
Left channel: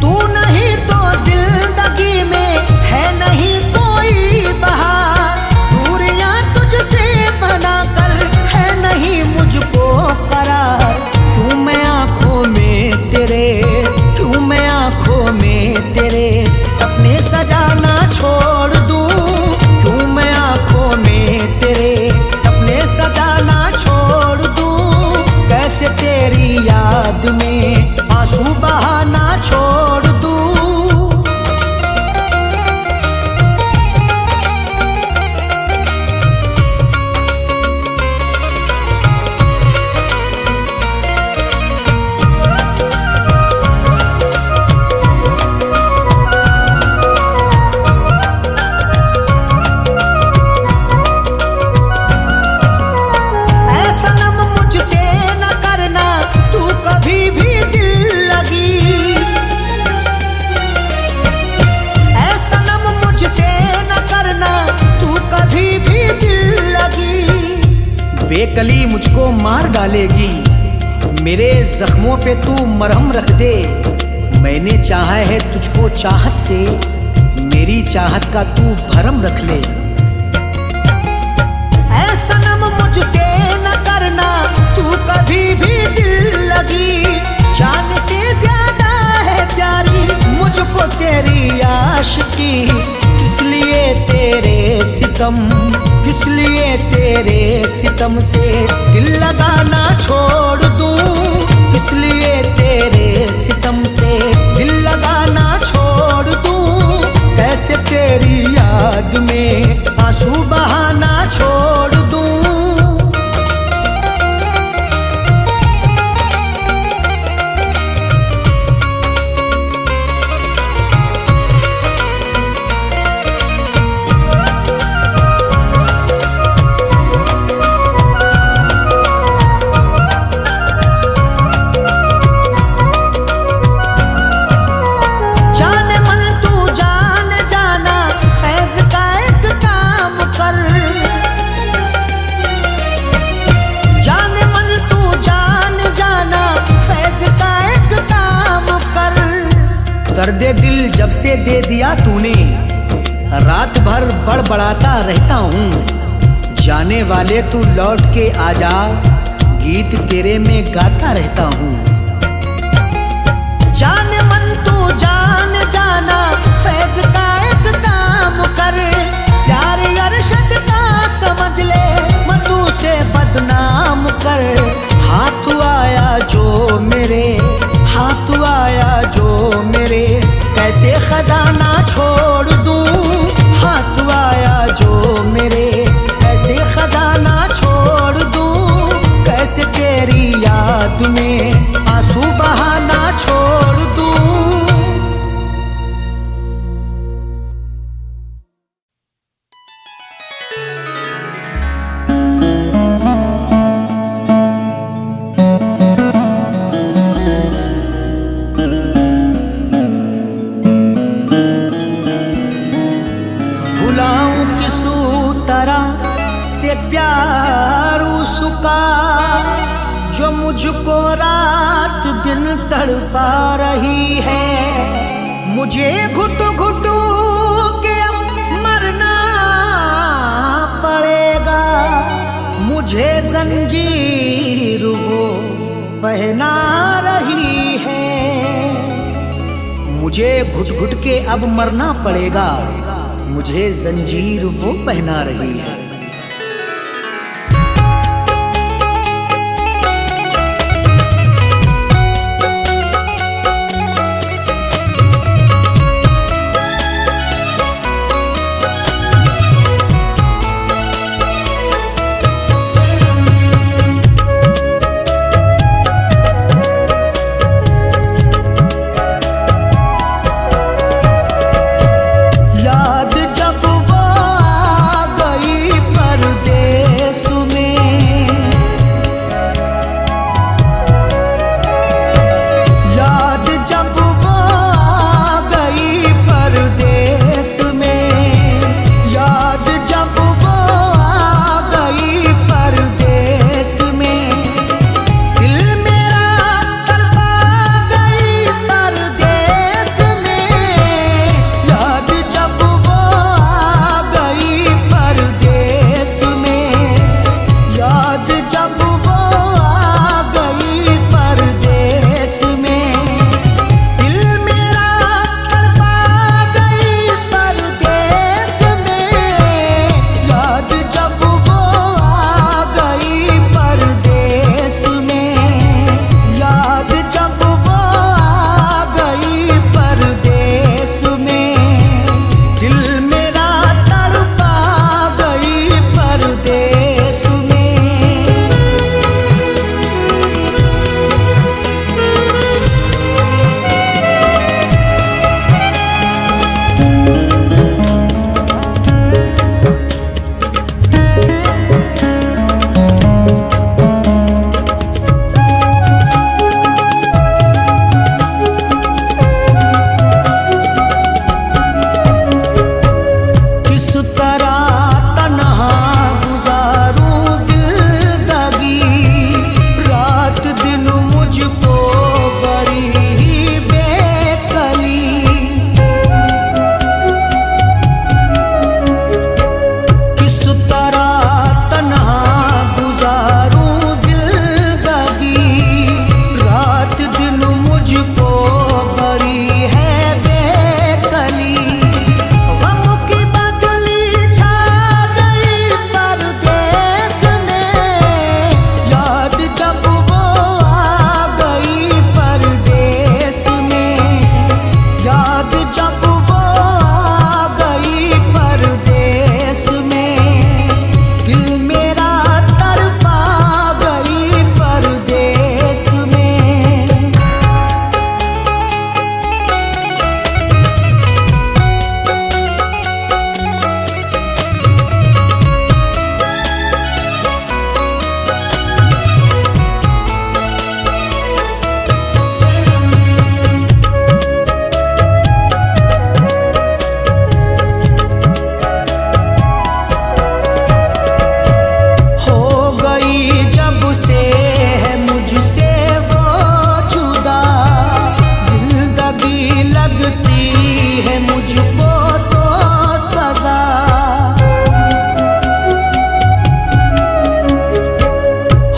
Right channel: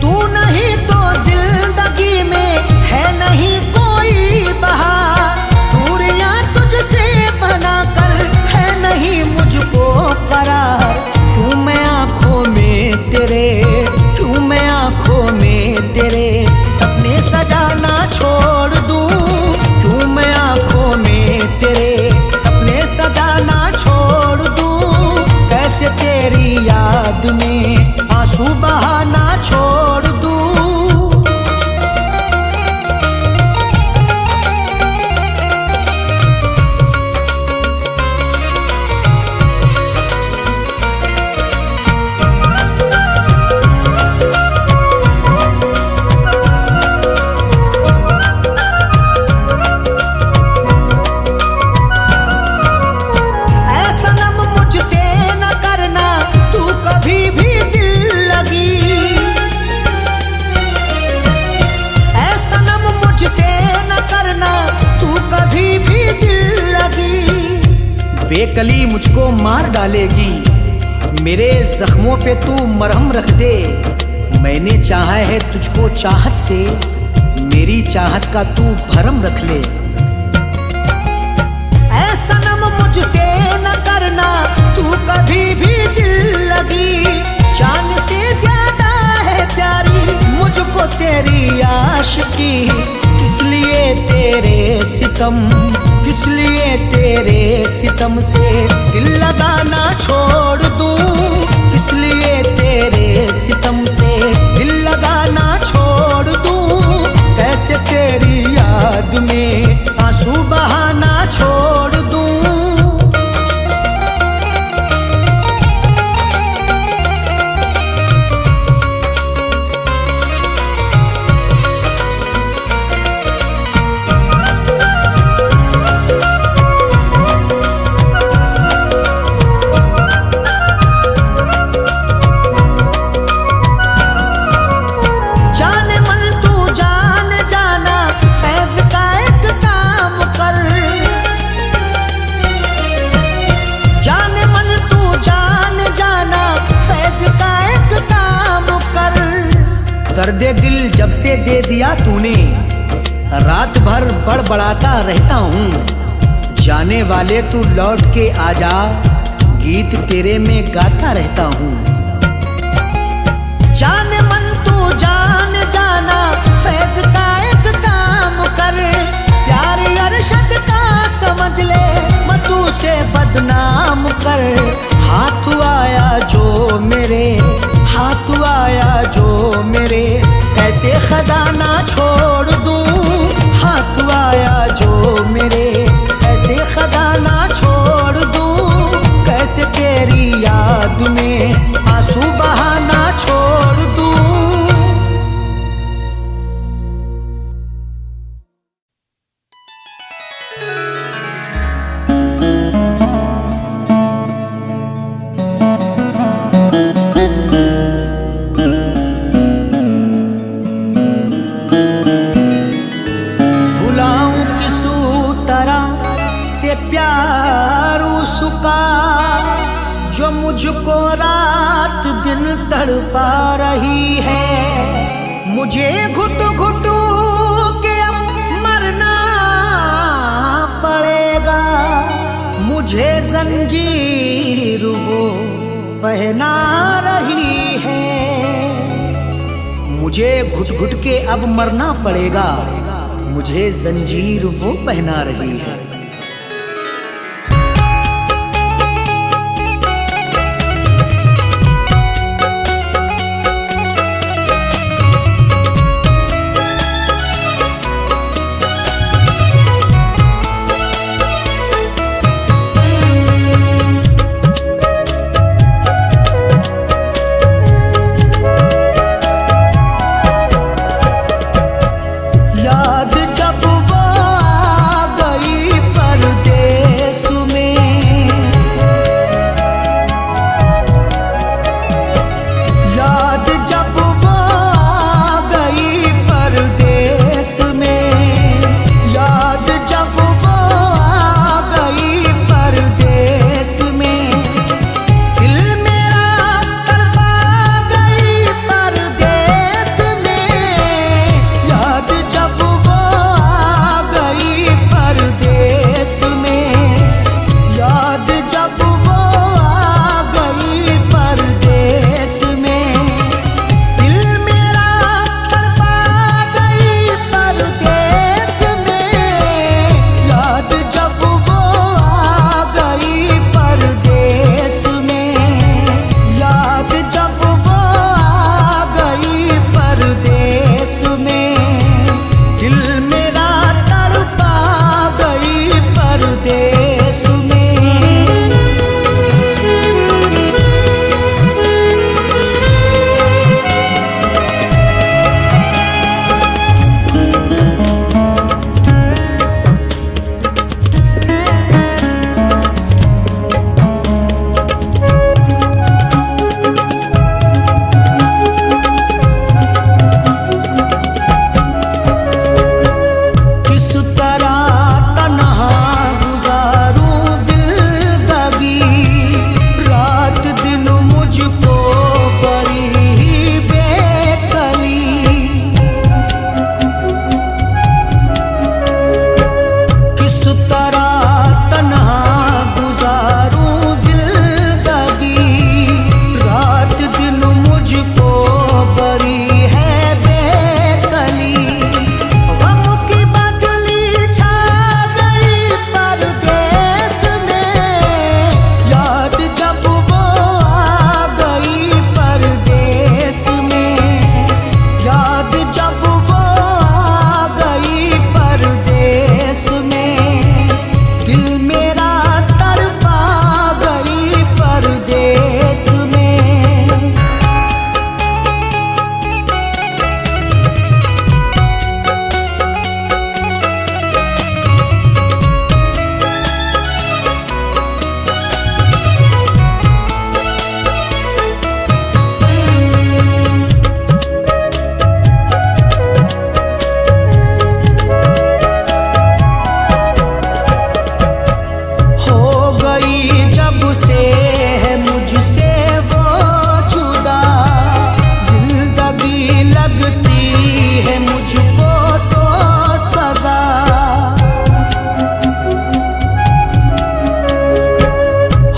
तू नहीं तो जिंदगी में है नहीं कोई बहार। दूरियां तुझसे बना कर है नहीं मुझको करार। क्यों मैं आंखों में तेरे, क्यों मैं आंखों में तेरे सपने सजाना छोड़ दूं। क्यों मैं आंखों में तेरे सपने सजाना छोड़ दूं। कैसे तेरी याद में आंसू बहाना छोड़ दूं। भी दिल लगी। बेकली मुझको मार डालेगी, मेरे जख्मों पे तू मरहम रख दे। मैंने चाहा है तुझको चाहत से, मेरी चाहत का तू भरम रख ले। ऐ सनम मुझसे न करना तू कभी भी दिल लगी। जान से ज्यादा है प्यारी मुझको तेरी आशिकी। किस लिए तेरे सितम, किस लिए तेरे सितम से दिल लगाना छोड़ दूं। किस लिए तेरे सितम से दिल लगाना छोड़ दूं। कैसे तेरी याद में आंसू बहाना छोड़ दूं। दर्द दिल जब से दे दिया तूने, रात भर बड़बड़ाता रहता हूँ। जाने वाले तू लौट के आजा, गीत तेरे में गाता रहता हूँ। जाने मन तू जान जाना, फैज का एक काम कर। प्यार अरशद का समझ ले, मधु से बदनाम कर। हाथ आया जो मेरे, हाथ आया जो मेरे, कैसे खजाना छोड़ दूं। हाथ आया जो मेरे, कैसे खजाना छोड़ दूं। कैसे तेरी याद में आंसू बहाना छोड़ दूं। प्यार उसका जो मुझको रात दिन तड़पा रही है। मुझे घुट घुट के अब मरना पड़ेगा। मुझे जंजीर वो पहना रही है। मुझे घुट घुट के अब मरना पड़ेगा। मुझे जंजीर वो पहना रही है। जिंदगी लगती है मुझको तो सजा,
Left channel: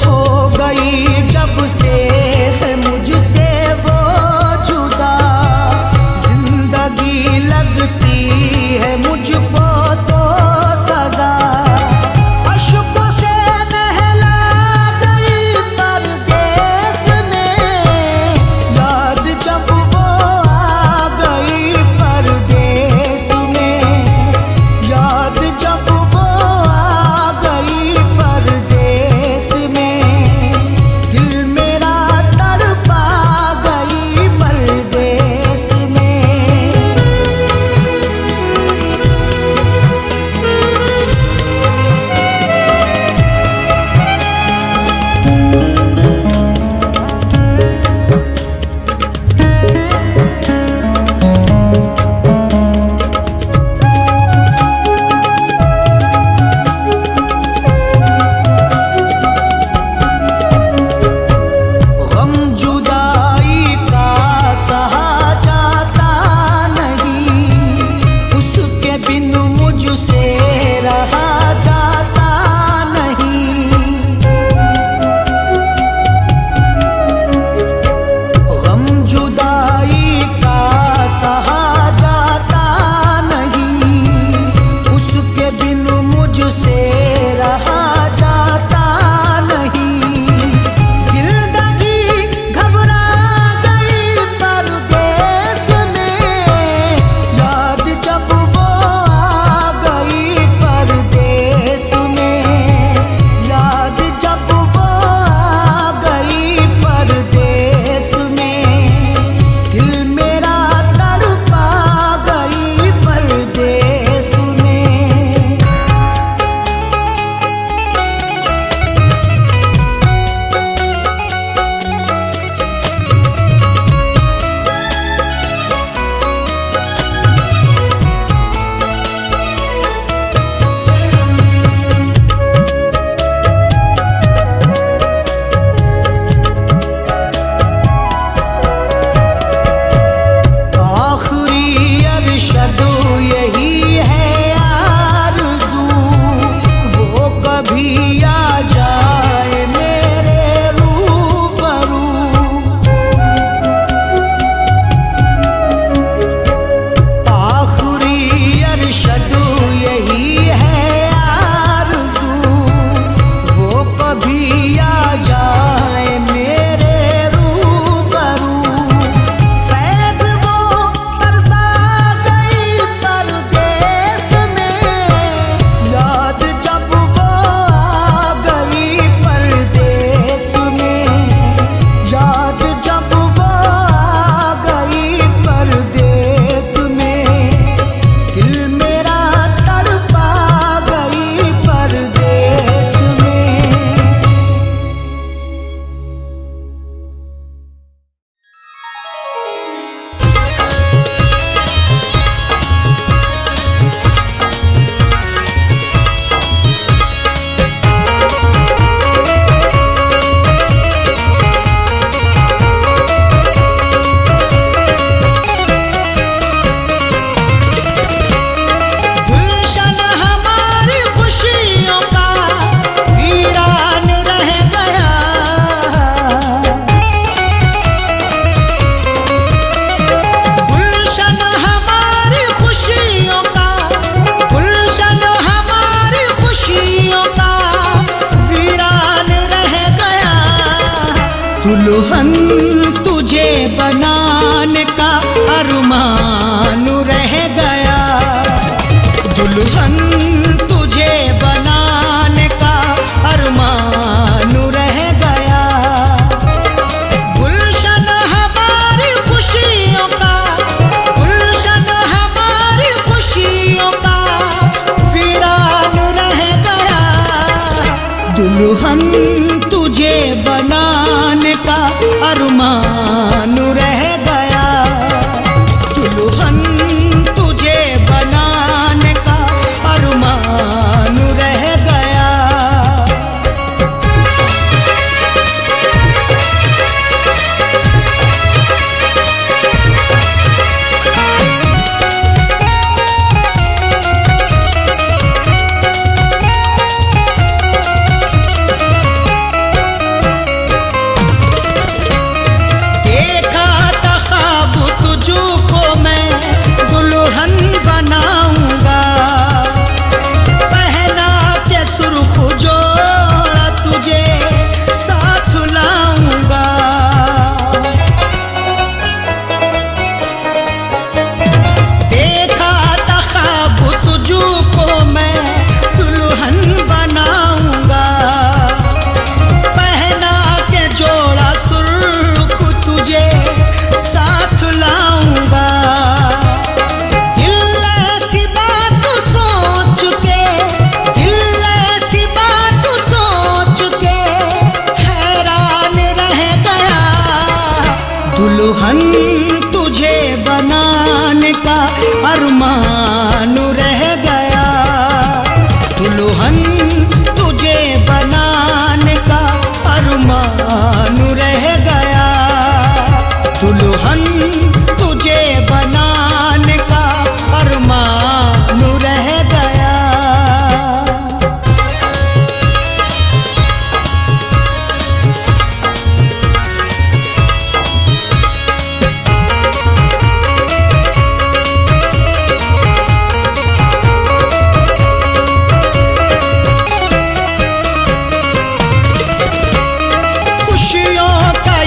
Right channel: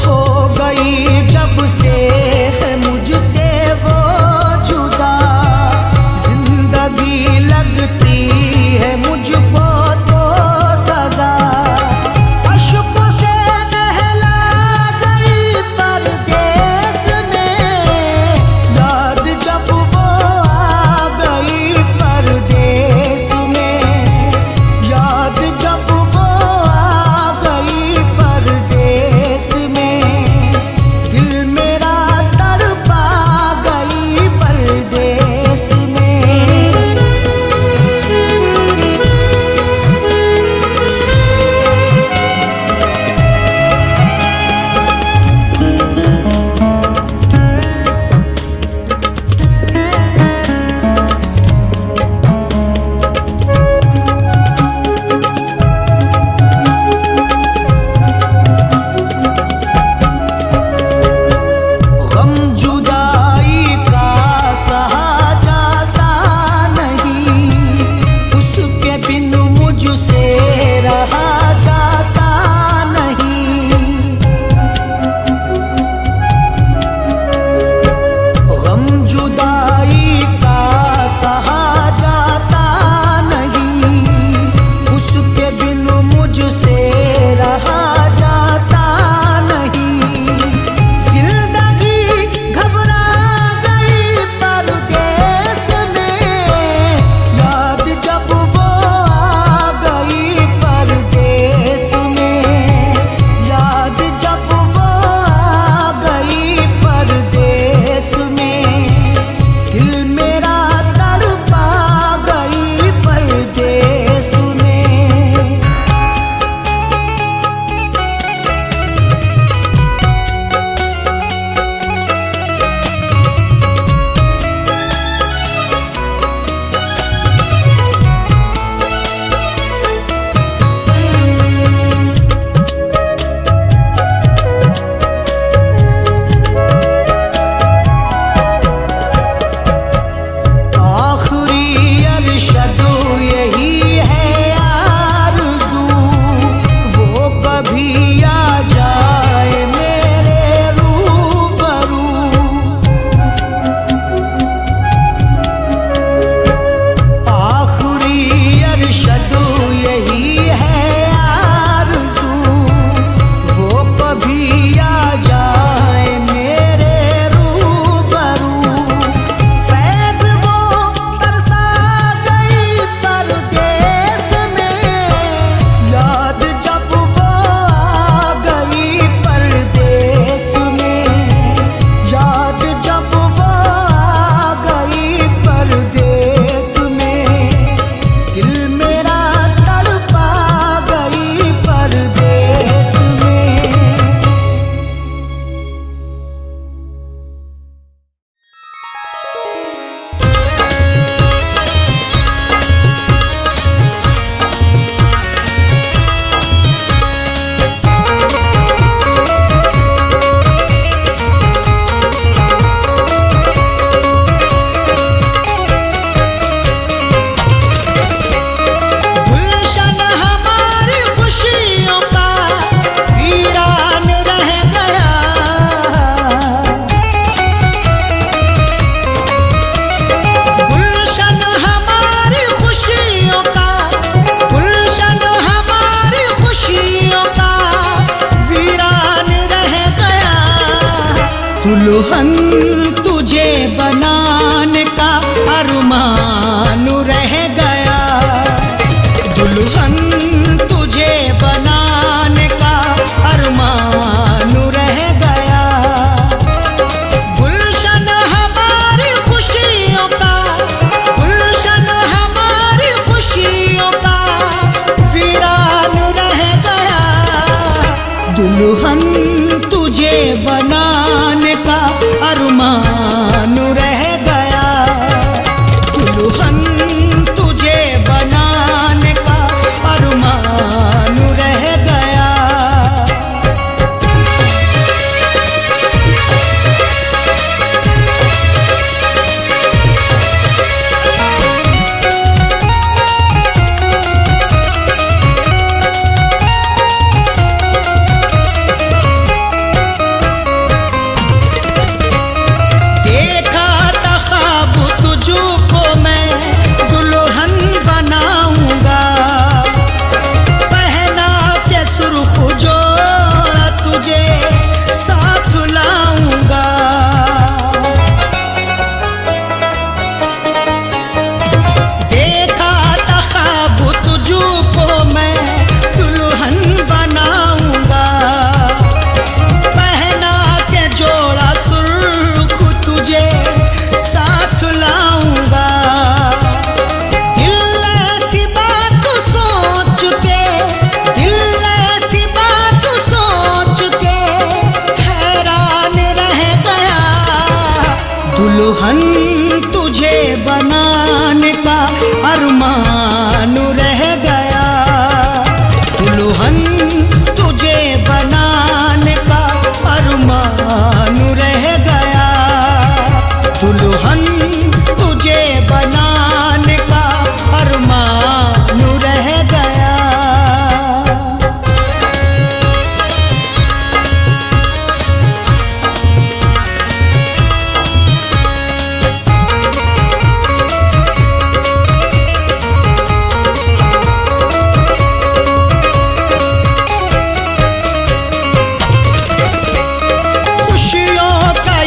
हो गई जब से है मुझसे वो जुदा। जिंदगी लगती है मुझको तो सजा, अश्कों से नहला गई परदेस में, याद जब वो आ गई परदेस में, याद जब वो आ गई परदेस में, दिल मेरा तड़पा गई परदेस में। गम जुदाई का सहा जाता नहीं, उसके बिन मुझसे रहा जाता नहीं। गम जुदाई का सहा जाता नहीं, उसके बिन मुझसे रहा जाता नहीं। घबरा गई परदेस में, याद जब वो आ गई परदेस में, याद जब वो आ गई परदेस में, दिल मेरा तड़पा गई परदेस में। अरशद यही है आरज़ू, वो कभी आ जाए मेरे रूबरू। आखिरी अरशद यही है आरज़ू, वो कभी आ जाए मेरे रूबरू। परदेस में, याद जब वो आ गई परदेस में, याद जब वो आ गई परदेस में, दिल मेरा तड़पा गई परदेस में। दुल्हन तुझे बनाने का अरमान रह गया, दुल्हन तुझे बनाने का अरमान रह गया। गुलशन हमारी खुशियों का, गुलशन हमारी खुशियों का वीरान रह गया। दुल्हन तुझे बनाने का अरमान रह गया, दुल्हन तुझे बनाने का अरमान रह गया। दुल्हन तुझे बनाने का अरमान रह गया, दुल्हन तुझे बनाने का अरमान रह गया, दुल्हन तुझे बनाने का अरमान रह गया।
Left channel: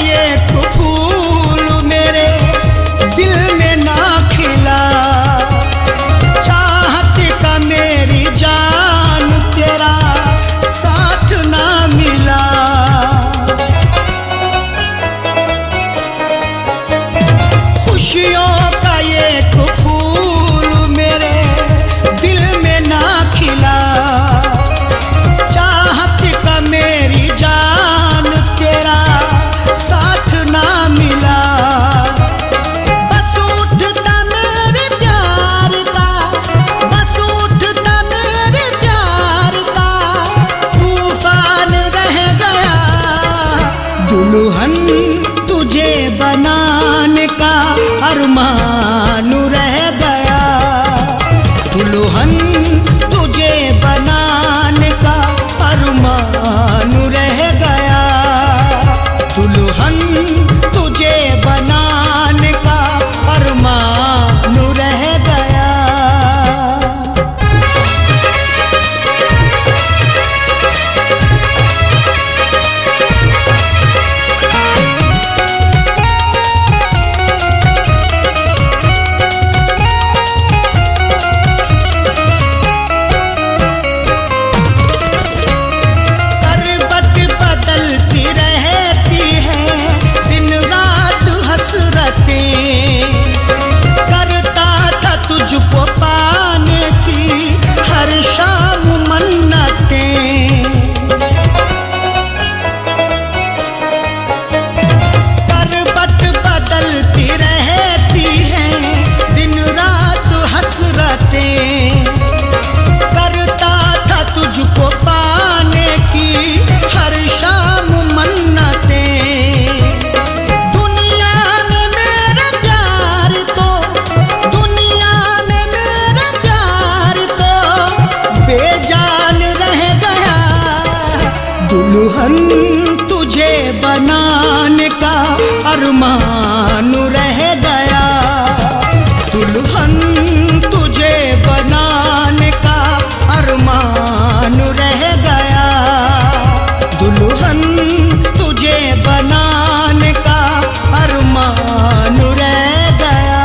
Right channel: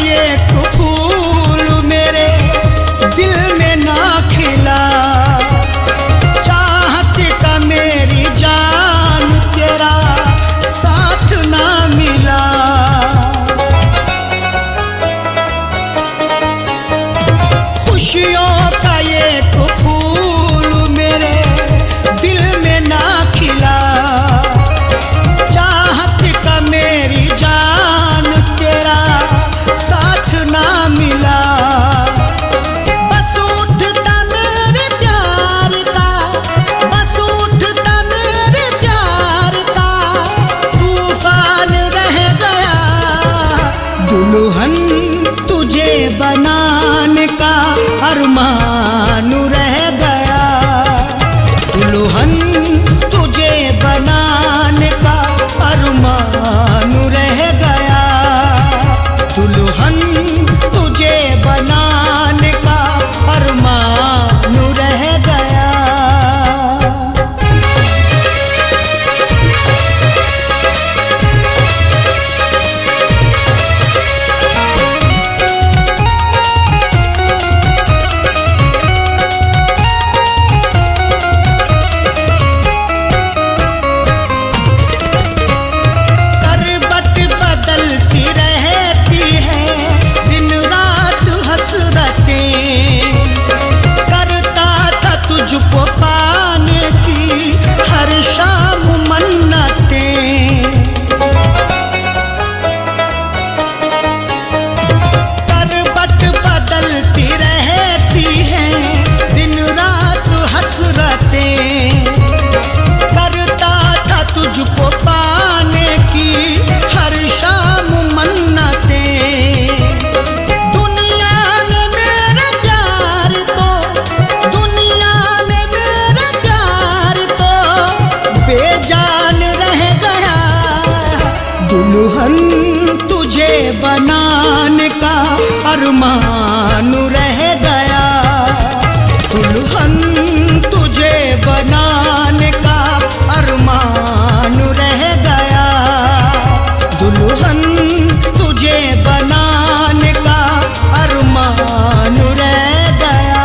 एक फूल मेरे दिल में ना खिला, चाहत का मेरी जान तेरा साथ ना मिला। खुशियों का एक फूल मेरे दिल में ना खिला, चाहत का मेरी जान तेरा साथ ना मिला। बस उठता मेरे प्यार का, बस उठता मेरे प्यार का तूफान रह गया, दुल्हन तुझे बनाने का अरमान रह गया, दुल्हन तुझे बनाने का अरमान रह गया, दुल्हन तुझे बनाने का अरमान रह गया। बदलती रहती है दिन रात हसरतें, करता था तुझको पाने की हर शाम मन्नतें, करवट बदलती रहती है दिन रात हसरतें, करता था तुझको पाने की हर शाम मन्नतें। दुनिया में मेरा प्यार तो, दुनिया में मेरा प्यार तो बेजान रह गया, दुल्हन तुझे बनाने का अरमान रह गया, दुल्हन तुझे बनाने का अरमान रह गया, दुल्हन तुझे बनाने का अरमान रह गया।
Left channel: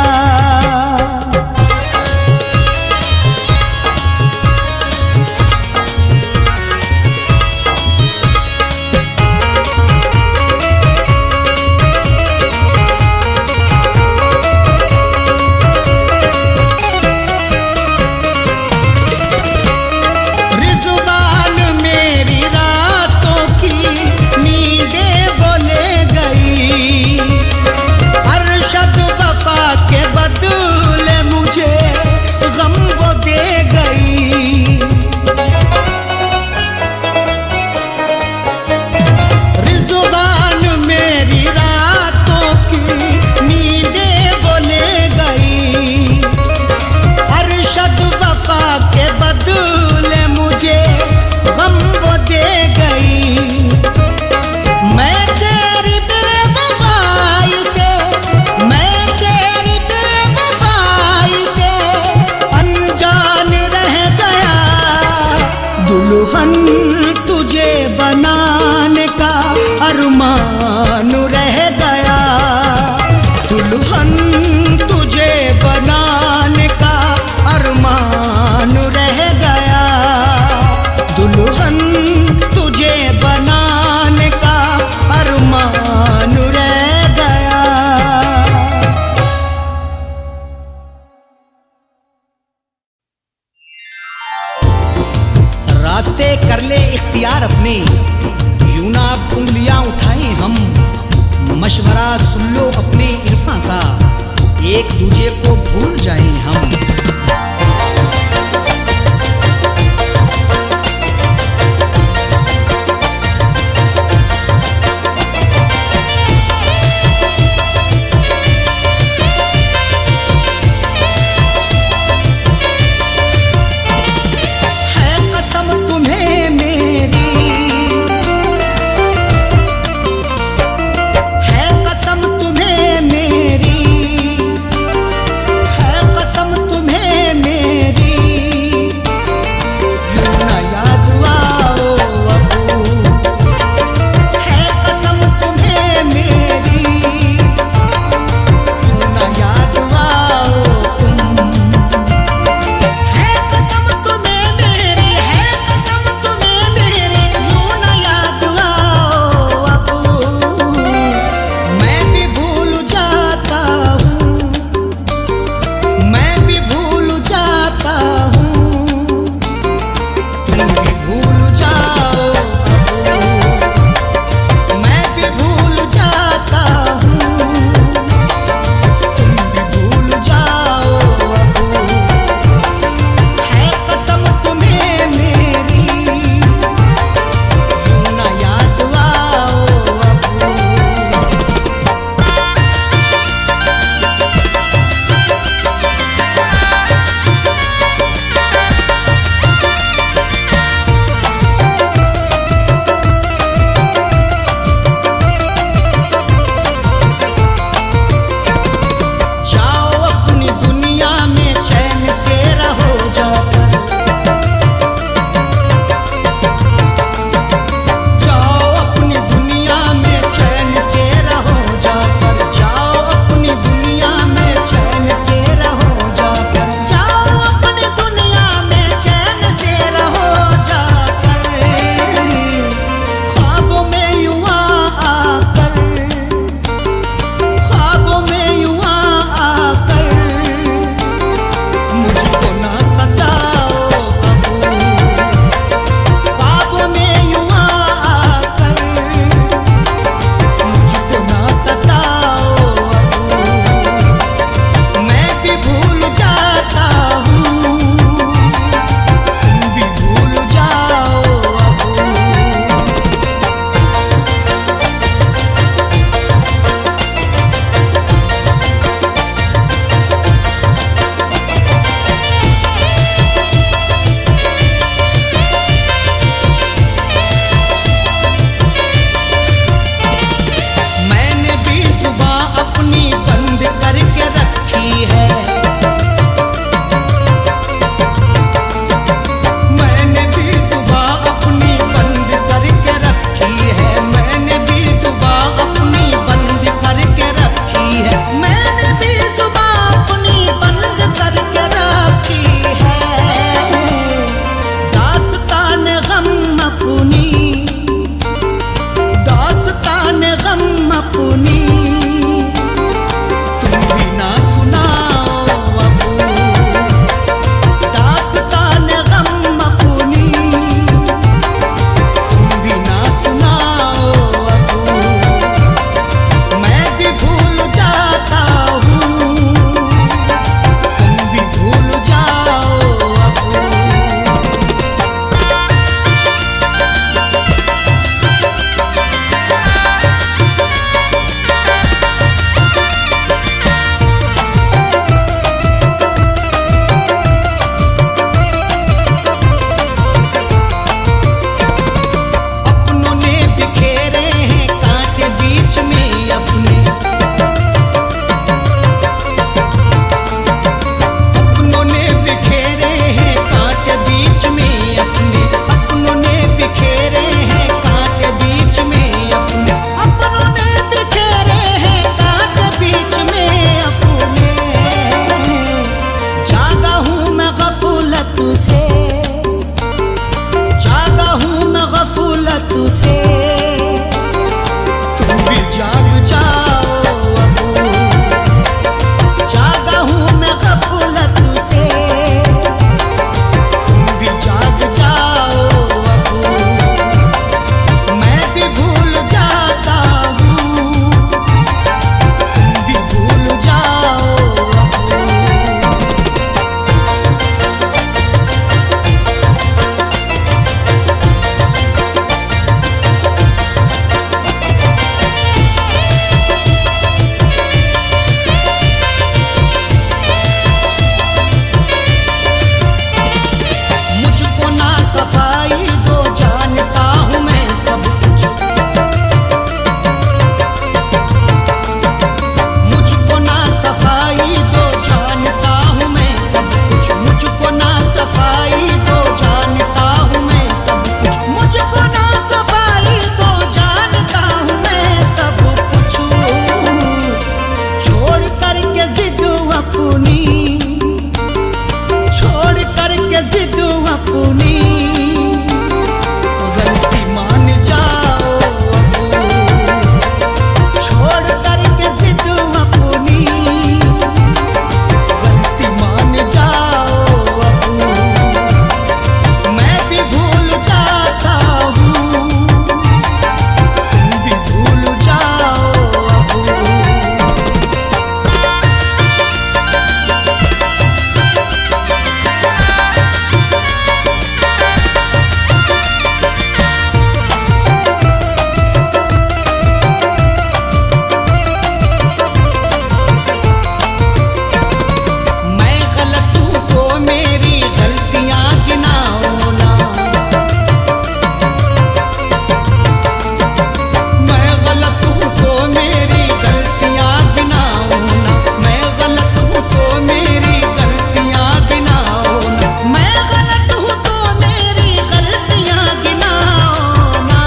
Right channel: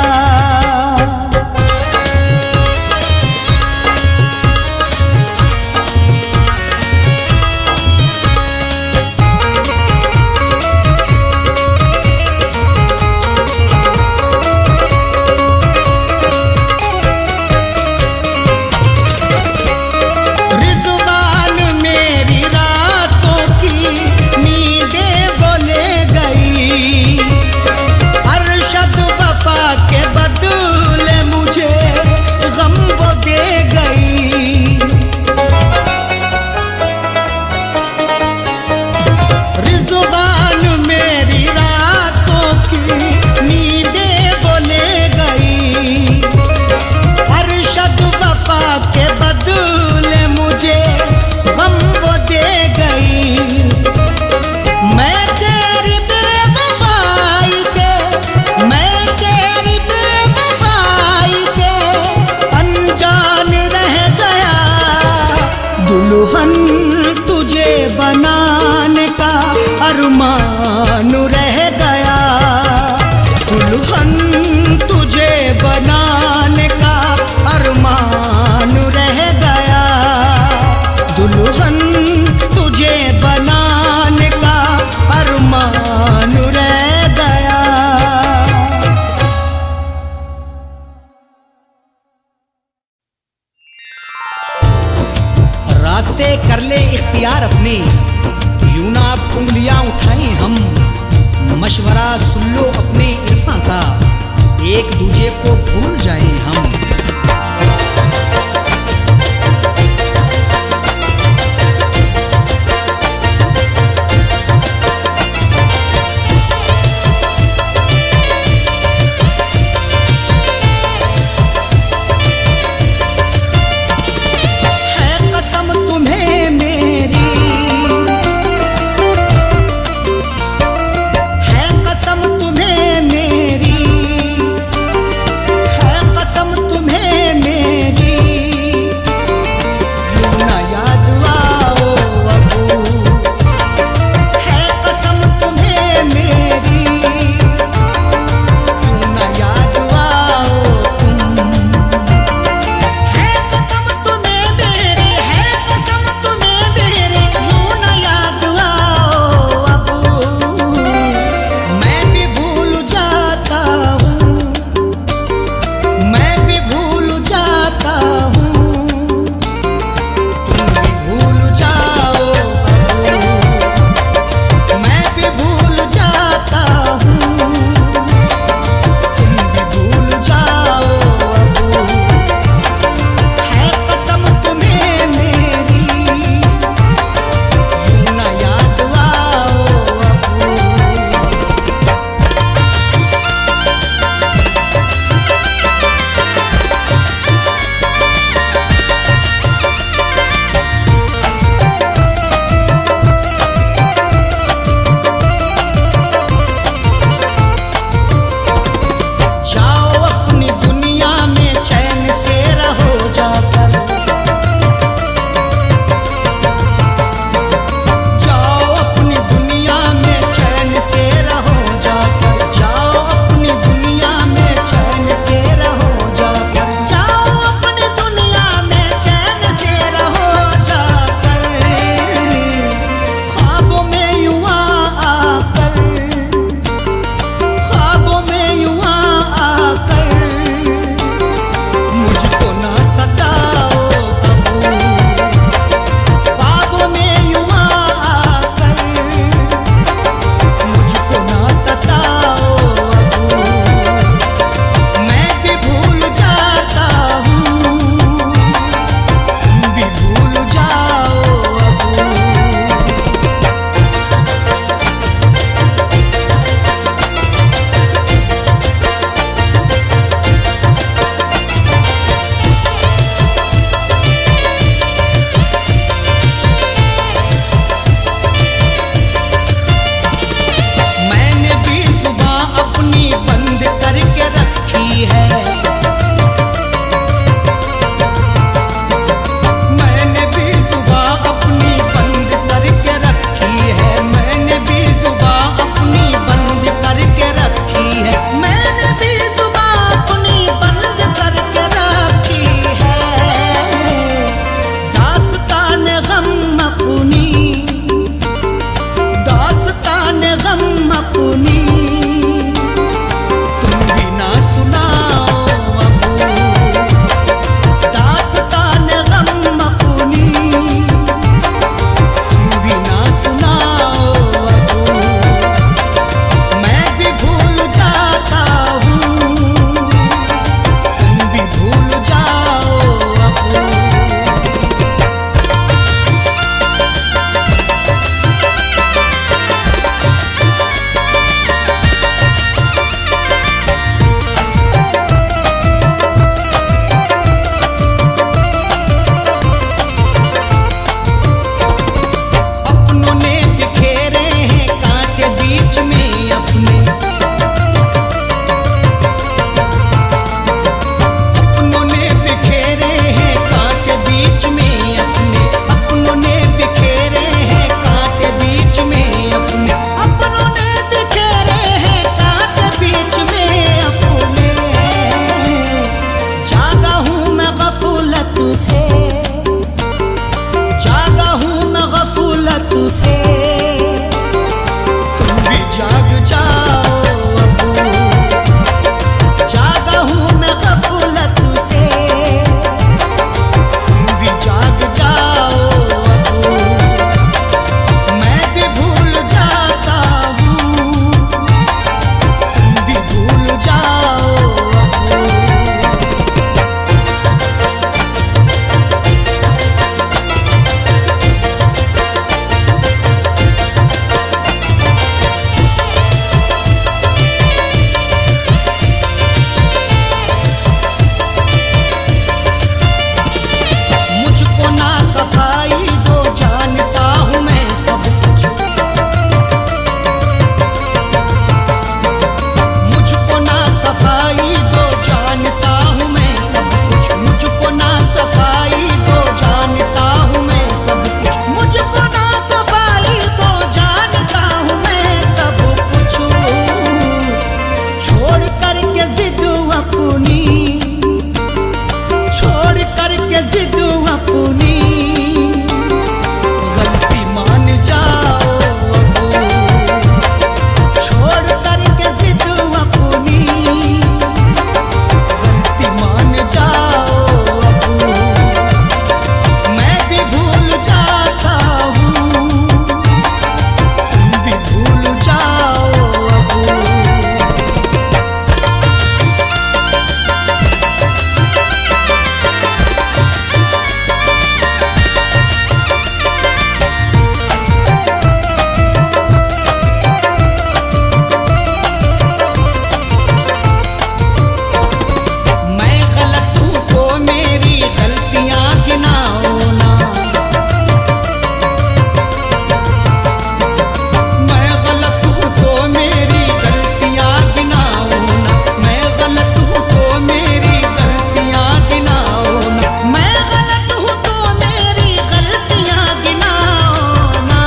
के बदले मुझे गम वो दे गई, रिज़वान मेरी रातों की नींदें वो ले गई, अरशद वफा के बदले मुझे गम वो दे गई। मैं तेरी बेवफाई से, मैं दुल्हन तुझे बनाने का अरमान रह गया, दुल्हन तुझे बनाने का अरमान रह गया, दुल्हन तुझे बनाने का अरमान रह गया। रास्ते कर ले इख्तियार अपने, यूं ना अब उंगलियां उठाएं हम, मशवरा सुन लो अपने इरफा का, एक दूजे को भूल जाएं हम। तुम्हें मेरी है कसम, तुम्हें मेरी है कसम, तुम्हें मेरी यूं ना याद आओ अबू। है कसम तुम्हें मेरी यूं ना याद आओ तुम। है कसम तुम्हें मेरी, है कसम तुम्हें मेरी यूं ना याद आओ अबू। मैं भी भूल जाता हूँ, मैं भी भूल जाता हूँ, तुम भी भूल जाओ अबू। मैं भी भूल जाता हूँ, तुम भी भूल जाओ अबू। है कसम तुम्हें मेरी यूं ना याद आओ अबू। जाओ अपनी दुनिया में चैन से रहो जाकर, जाओ अपनी दुनिया में चैन से रहो जाकर, जाओ अपनी दुनिया में चैन से रहो जाकर, जाओ अपनी दुनिया में चैन से रहो जाकर। ख्वाबों में यूं आकर, ख्वाबों में यूं आकर मुझको ना सताओ अबू। ख्वाबों में यूं आकर मुझको ना सताओ अबू। मैं भी भूल जाता हूँ, तुम भी भूल जाओ अबू। मैंने भी जुबान अपनी बंद करके रखी है, मैंने भी जुबान अपनी बंद करके रखी है, मैंने भी जुबान अपनी बंद करके रखी है, मैंने भी जुबान अपनी बंद करके रखी है। दास्तान गम अपनी, दास्तान गम अपनी तुम भी ना सुनाओ अबू। दास्तान गम अपनी तुम भी ना सुनाओ अबू। तू से तुम भी जाग जाओ अबू, जागा हूँ मैं गफलत से, तुम भी जाग जाओ अबू, मैं भी भूल जाता हूँ, अपनी, छोड़ करके जिद अपनी, गलती मान जाओ अब, छोड़ करके जिद अपनी, गलती मान जाओ अब। मैं भी भूल जाता हूँ, तुम भी भूल जाओ अब। मेरी गलतियां गिनाओ ना, मैं गलत हूँ तो मेरी गलतियां गिनाओ ना, मैं गलत हूँ तो मेरी गलतियां गिनाओ ना, मैं गलत हूँ तो मेरी गलतियां गिनाओ ना।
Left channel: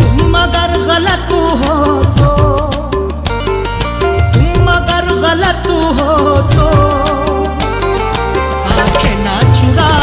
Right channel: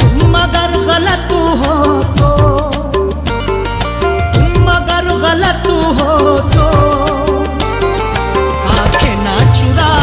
तुम अगर गलत हो तो, तुम अगर गलत हो तो आंखें ना चुरा